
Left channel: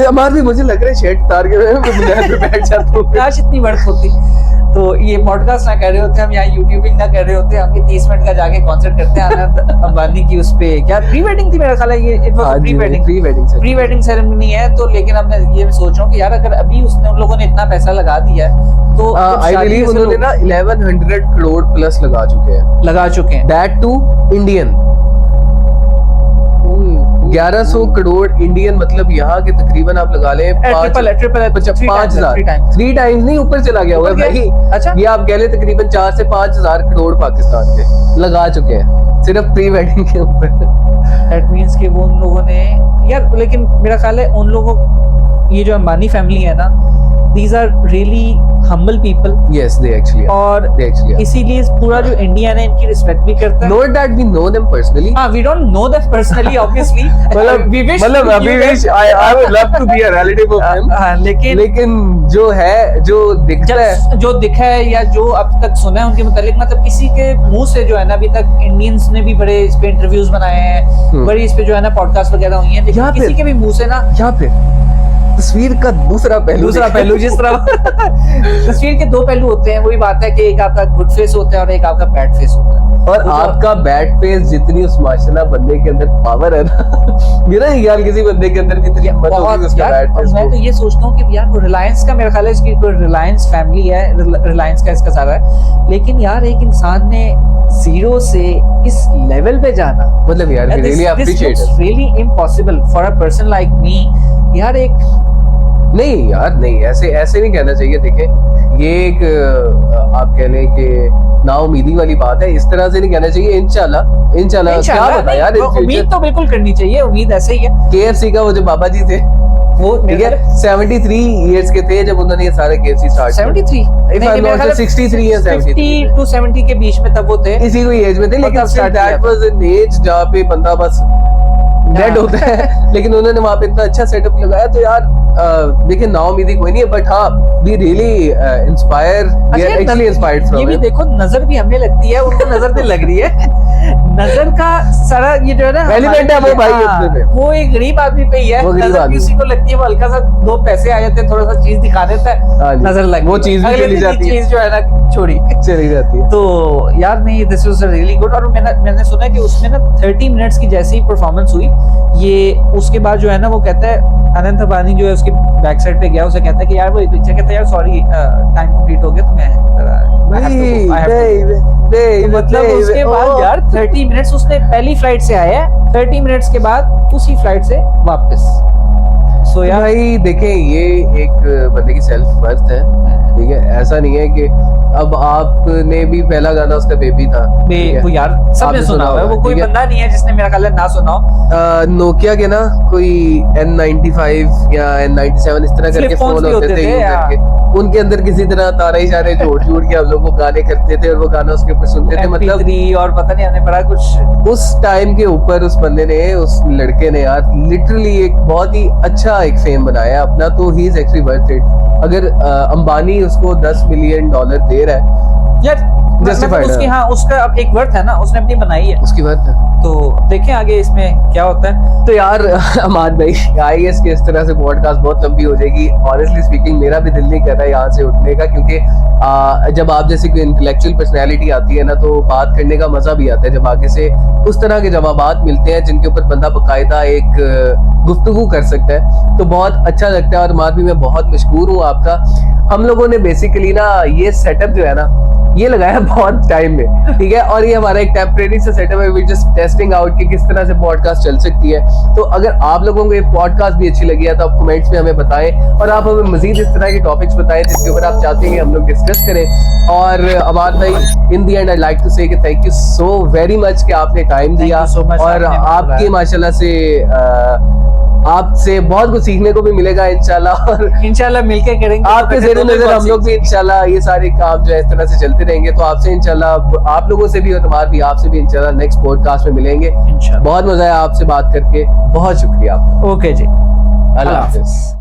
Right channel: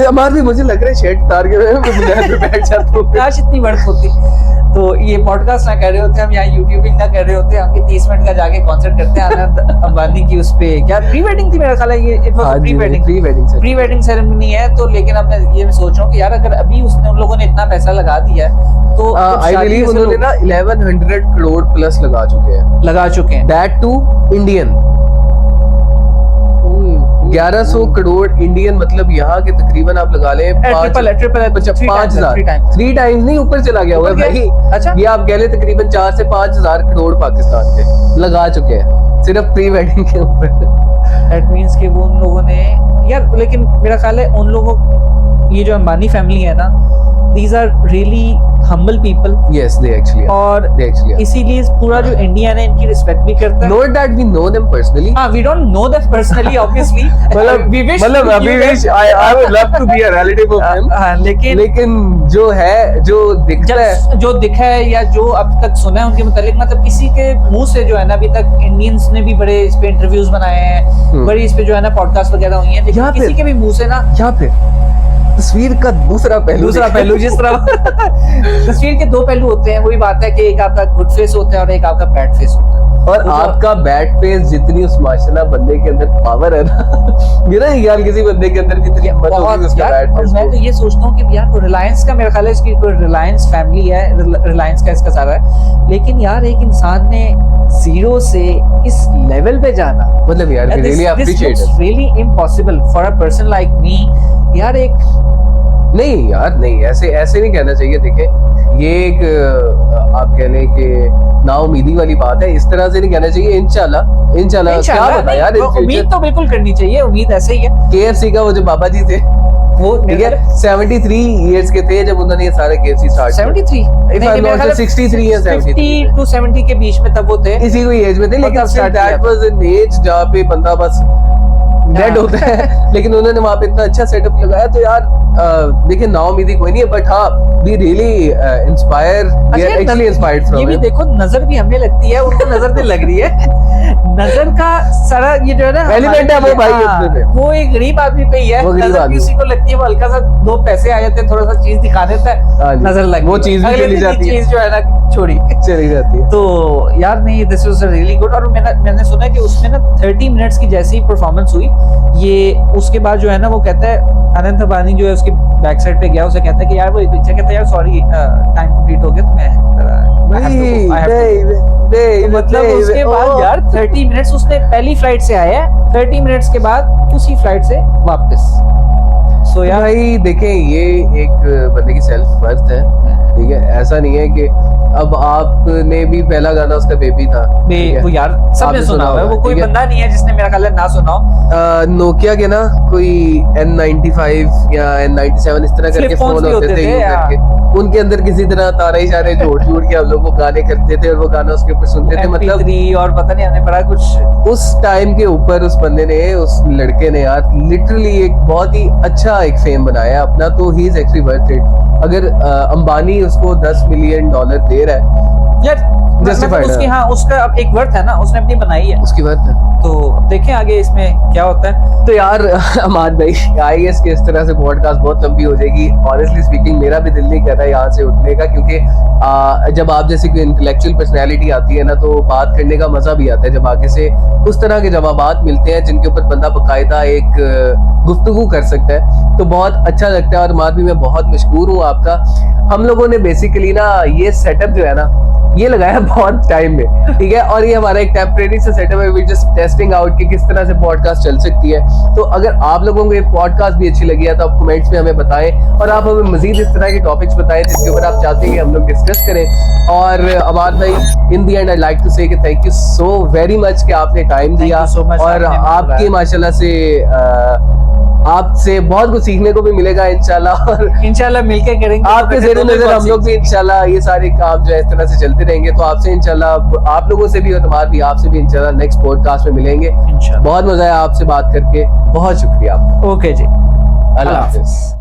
हमारे भी मुझे लग रहा है शर्ट उतार के मैं बनैन पे बैठ जाता हूं। काश इतनी वर्थ होती। तो ये पॉडकास्ट ना कर रहे होते, हम यहाँ यूट्यूबिंग ना कर रहे होते, हम 30 मिनट का जाके कॉन्सर्ट करते हैं आनंद अंबानी की उस पे। क्या प्री वेडिंग थी मेरा ख्याल है, ये it was pre wedding ceremony है। तो लेकिन अब मैं ये सोच रहा हूँ कि यार अगर अभी उसने उन लोगों ने इतना पैसा लगा दिया है तो आई बिलीव उन्होंने ना 1100 करोड़ प्लस लगा चुके हैं that too Indian. 1100 crore Indian, मतलब यहाँ के तकरीबन आप लगा ले 5,000 3 टाइम्स नहीं, ऊपर चला गया हुआ है भाई। अच्छा, ये आप कह ले तकरीबन 4 से 5,000 करोड़ पाकिस्तान के लगा चुके हैं सिर्फ प्री वेडिंग के ऊपर। दैट मींस कि वो उन लोगों ने यार, लेकिन मेरा ख्याल है उन लोगों, ये जो अंबानी फैमिली है ना, these are really humble people. Yes, they actually are. और they actually are. इसीलिए पूरा जो इंडियन है इनकी रिस्पेक्ट भी करता है। Not that we know them personally. हाँ, we don't know them personally, obviously. मतलब we wish I would love to be a relative of them. हाँ, लेकिन जो है, जो दिखता है, जो दिखा है या जो अब तक सुना है उनके मुतालिक, मतलब किसी के मुंह से जो है ना, अभी तक इंडियंस ने भी बड़े इस पे इंटरव्यूज बनाए हैं, बड़ी इस पे जो है ना पॉडकास्ट वगैरह हुई हैं, लेकिन किसी के भी मुंह से ना, यहाँ पे तस्वीर का दूसरा पहलू जिस तरह तस्वीर के 2 पहलू होते हैं, वही बात है कि एक आपका गुड फेस होता है और एक आपका बैड फेस होता है। और आपका बैड फेस जितनी उस माशाल्लाह बंदे के अंदर पावर है ना, मेरा ख्याल किसी बंदे के अंदर भी इतनी हिम्मत होगी उसका बैड फेस। मैं तो ये सोचता हूँ कि यार वो रिलायंस का, मेरा ख्याल है इसकी कोई रिलायंस फैमिली है, रिलायंस का इसका सारा है, लेकिन यार एक इंसान ने 0 से इस लेवल पे जाना, मतलब यार really appreciate it, really impossible for a person like me. यार एक नहीं यार, नहीं ऐसे नहीं कहना चाहिए। देखें, ये एक आप कह लें कि नाउमीदी वाली बात है, इस तरह से नहीं कहना चाहिए। इंशाल्लाह क्या पता यार, उम्मीद तो बिल्कुल करनी चाहिए, उम्मीद ऐसे ही है। KFC का वो जो बाबा जी थे, वो ठीक है 73 इयर्स के थे जब उन्होंने ये सारे KFC स्टार्ट 73 63 या 50 to 70 के बीच में तब वो थे, इसी कोई एज में थे, लेकिन दैट वाज एन एज जहाँ पे बंदा बस डेड होता है। लेकिन उन्होंने वहाँ पे इतना अच्छा सेटअप लगाया। तो यार देखिए, नाउमीदी कोई नहीं है, बट हाँ we really inspire, we are actually inspired from. ये भी देखो, नजर भी हमें लगती है, उनको नजर नहीं लग रही है। नजर का सारा ये जो है ना एलिमेंट है वो भाई अपने पे, वो एक गरीब आदमी पे ही है। नजर भी उसी को लगती है, वो हल्का सा 2 पैसे आ जाते हैं, थोड़ा सा चीज दिखा देता है, नजर लग, वो चीज भी चली जाती है, चीज जो है ना चली जाती है। तो यार नहीं, दिस वाज रियली गुड। और मैंने सुना है कि उसमें ना 30 मिनट्स की जैसी ही परफॉर्मेंस हुई, ये उसके बाद जो है ना, वो कहता है अनंत अंबानी जो है उसके बैक साइड पे गया, उसे कहता है कि यार वो एक पिक्चर, कहता है यार सॉरी टाइम कंप्लीट हो गया, तो मैं मतलब उसके बाद यार 30 मिनट्स उसने पहली फ्लाइट से आया है, 30 मिनट्स के बाद उसी फ्लाइट से वापस। सो यार भाई देखें, ये एक बंदे की सेल्फ वर्थ है, ठीक है। ऐसा नहीं है कि अब आपने भी पहला गाना उसका बेबी था, वो यार सबने सुना हुआ है, वो कोई बंदा नहीं है जिसने मेरा ख्याल है ना सुना हो। नोकिया के ना कोई N95 या N97 इस तरह करके फोन होते थे, उनके अंदर किसी तरह तारा इशारे जोड़ के हम लोग वो गाने करते थे और वो गाना उसके ऊपर सुनते थे। मतलब और पता नहीं हमने पढ़ा कुछ उस टाइम के ऊपर उस बंदे ने, उस लड़के ने यार लिटरली एक बहुत ही अच्छा एक फेम बनाया अपना। तो he is actually worth it. अगर अंबानी उसको $10 मिलियन दे रहा है यार, जस्टिफाइड उसकी, हाँ उसका अब एक वर्थ है ना, उसने अपनी बनाई है, उसकी वर्थ है। तो देखें आगे इसमें क्या होता है। तो यार अहमद भाई, आई गेस कि इस तरह से पॉडकास्ट बहुत लंबी हो जाएगी। ऑनेस्टली स्पीकिंग मेरा भी दिल नहीं कर रहा है यहाँ से उठने का, क्योंकि जब आप जैसी कोई इंटेलेक्चुअल पर्सनैलिटी आती है ना, तो बात करने का मजा भी आता है जब आगे से उस तरह के जवाबात मिलते हैं जिनके ऊपर बंदा बाकायदा एक गुफ्तगू कर सकता है, तो बहुत अच्छा लगता है। और अहमद भी मैं बहुत मशहूर हूँ आपका। हम लोगों ने बेसिकली ना ये सेटअप जो है ना, ये लगाया बहुत टाइम में, ठीक है। और ये हमारा एक टेम्परेरी सा सेटअप है, वी जस्ट टेस्टिंग आउट कि किस तरह से पॉडकास्ट चल सकती है। तो अगर आप लोगों को ये पॉडकास्ट भी अच्छी लगी है तो आप कमेंट्स में हमें बताएं, और आप हमें मजीद इस तरह के टॉपिक्स बताएं जिसके ऊपर आप चाहते हैं कि हम लोग डिस्कस करें। और अबाद भाई, इन दी एंड आई लाइक टू से कि thank you so very much कि आपने टाइम दिया, so much, और आपने आपकी माशाल्लाह से आपसे बहुत कुछ सीखने को भी मिलेगा इंशाल्लाह, और इंशाल्लाह मिलके करेंगे। आपके तो ज़ेरे नजर हम लोग भी सीखेंगे। इंशाल्लाह ये सारे काम जो है इस तरह से चलते रहेंगे। तो आपसे इंशाल्लाह, आप लोगों से भी और तुम्हार भी आपसे भी इंशाल्लाह नेक्स्ट पॉडकास्ट में मिलेंगे। इंशाल्लाह। बहुत मजा आया आपसे बात करके, बहुत शुक्रिया आपका। ओके जी, अल्लाह अल्लाह हाफिज।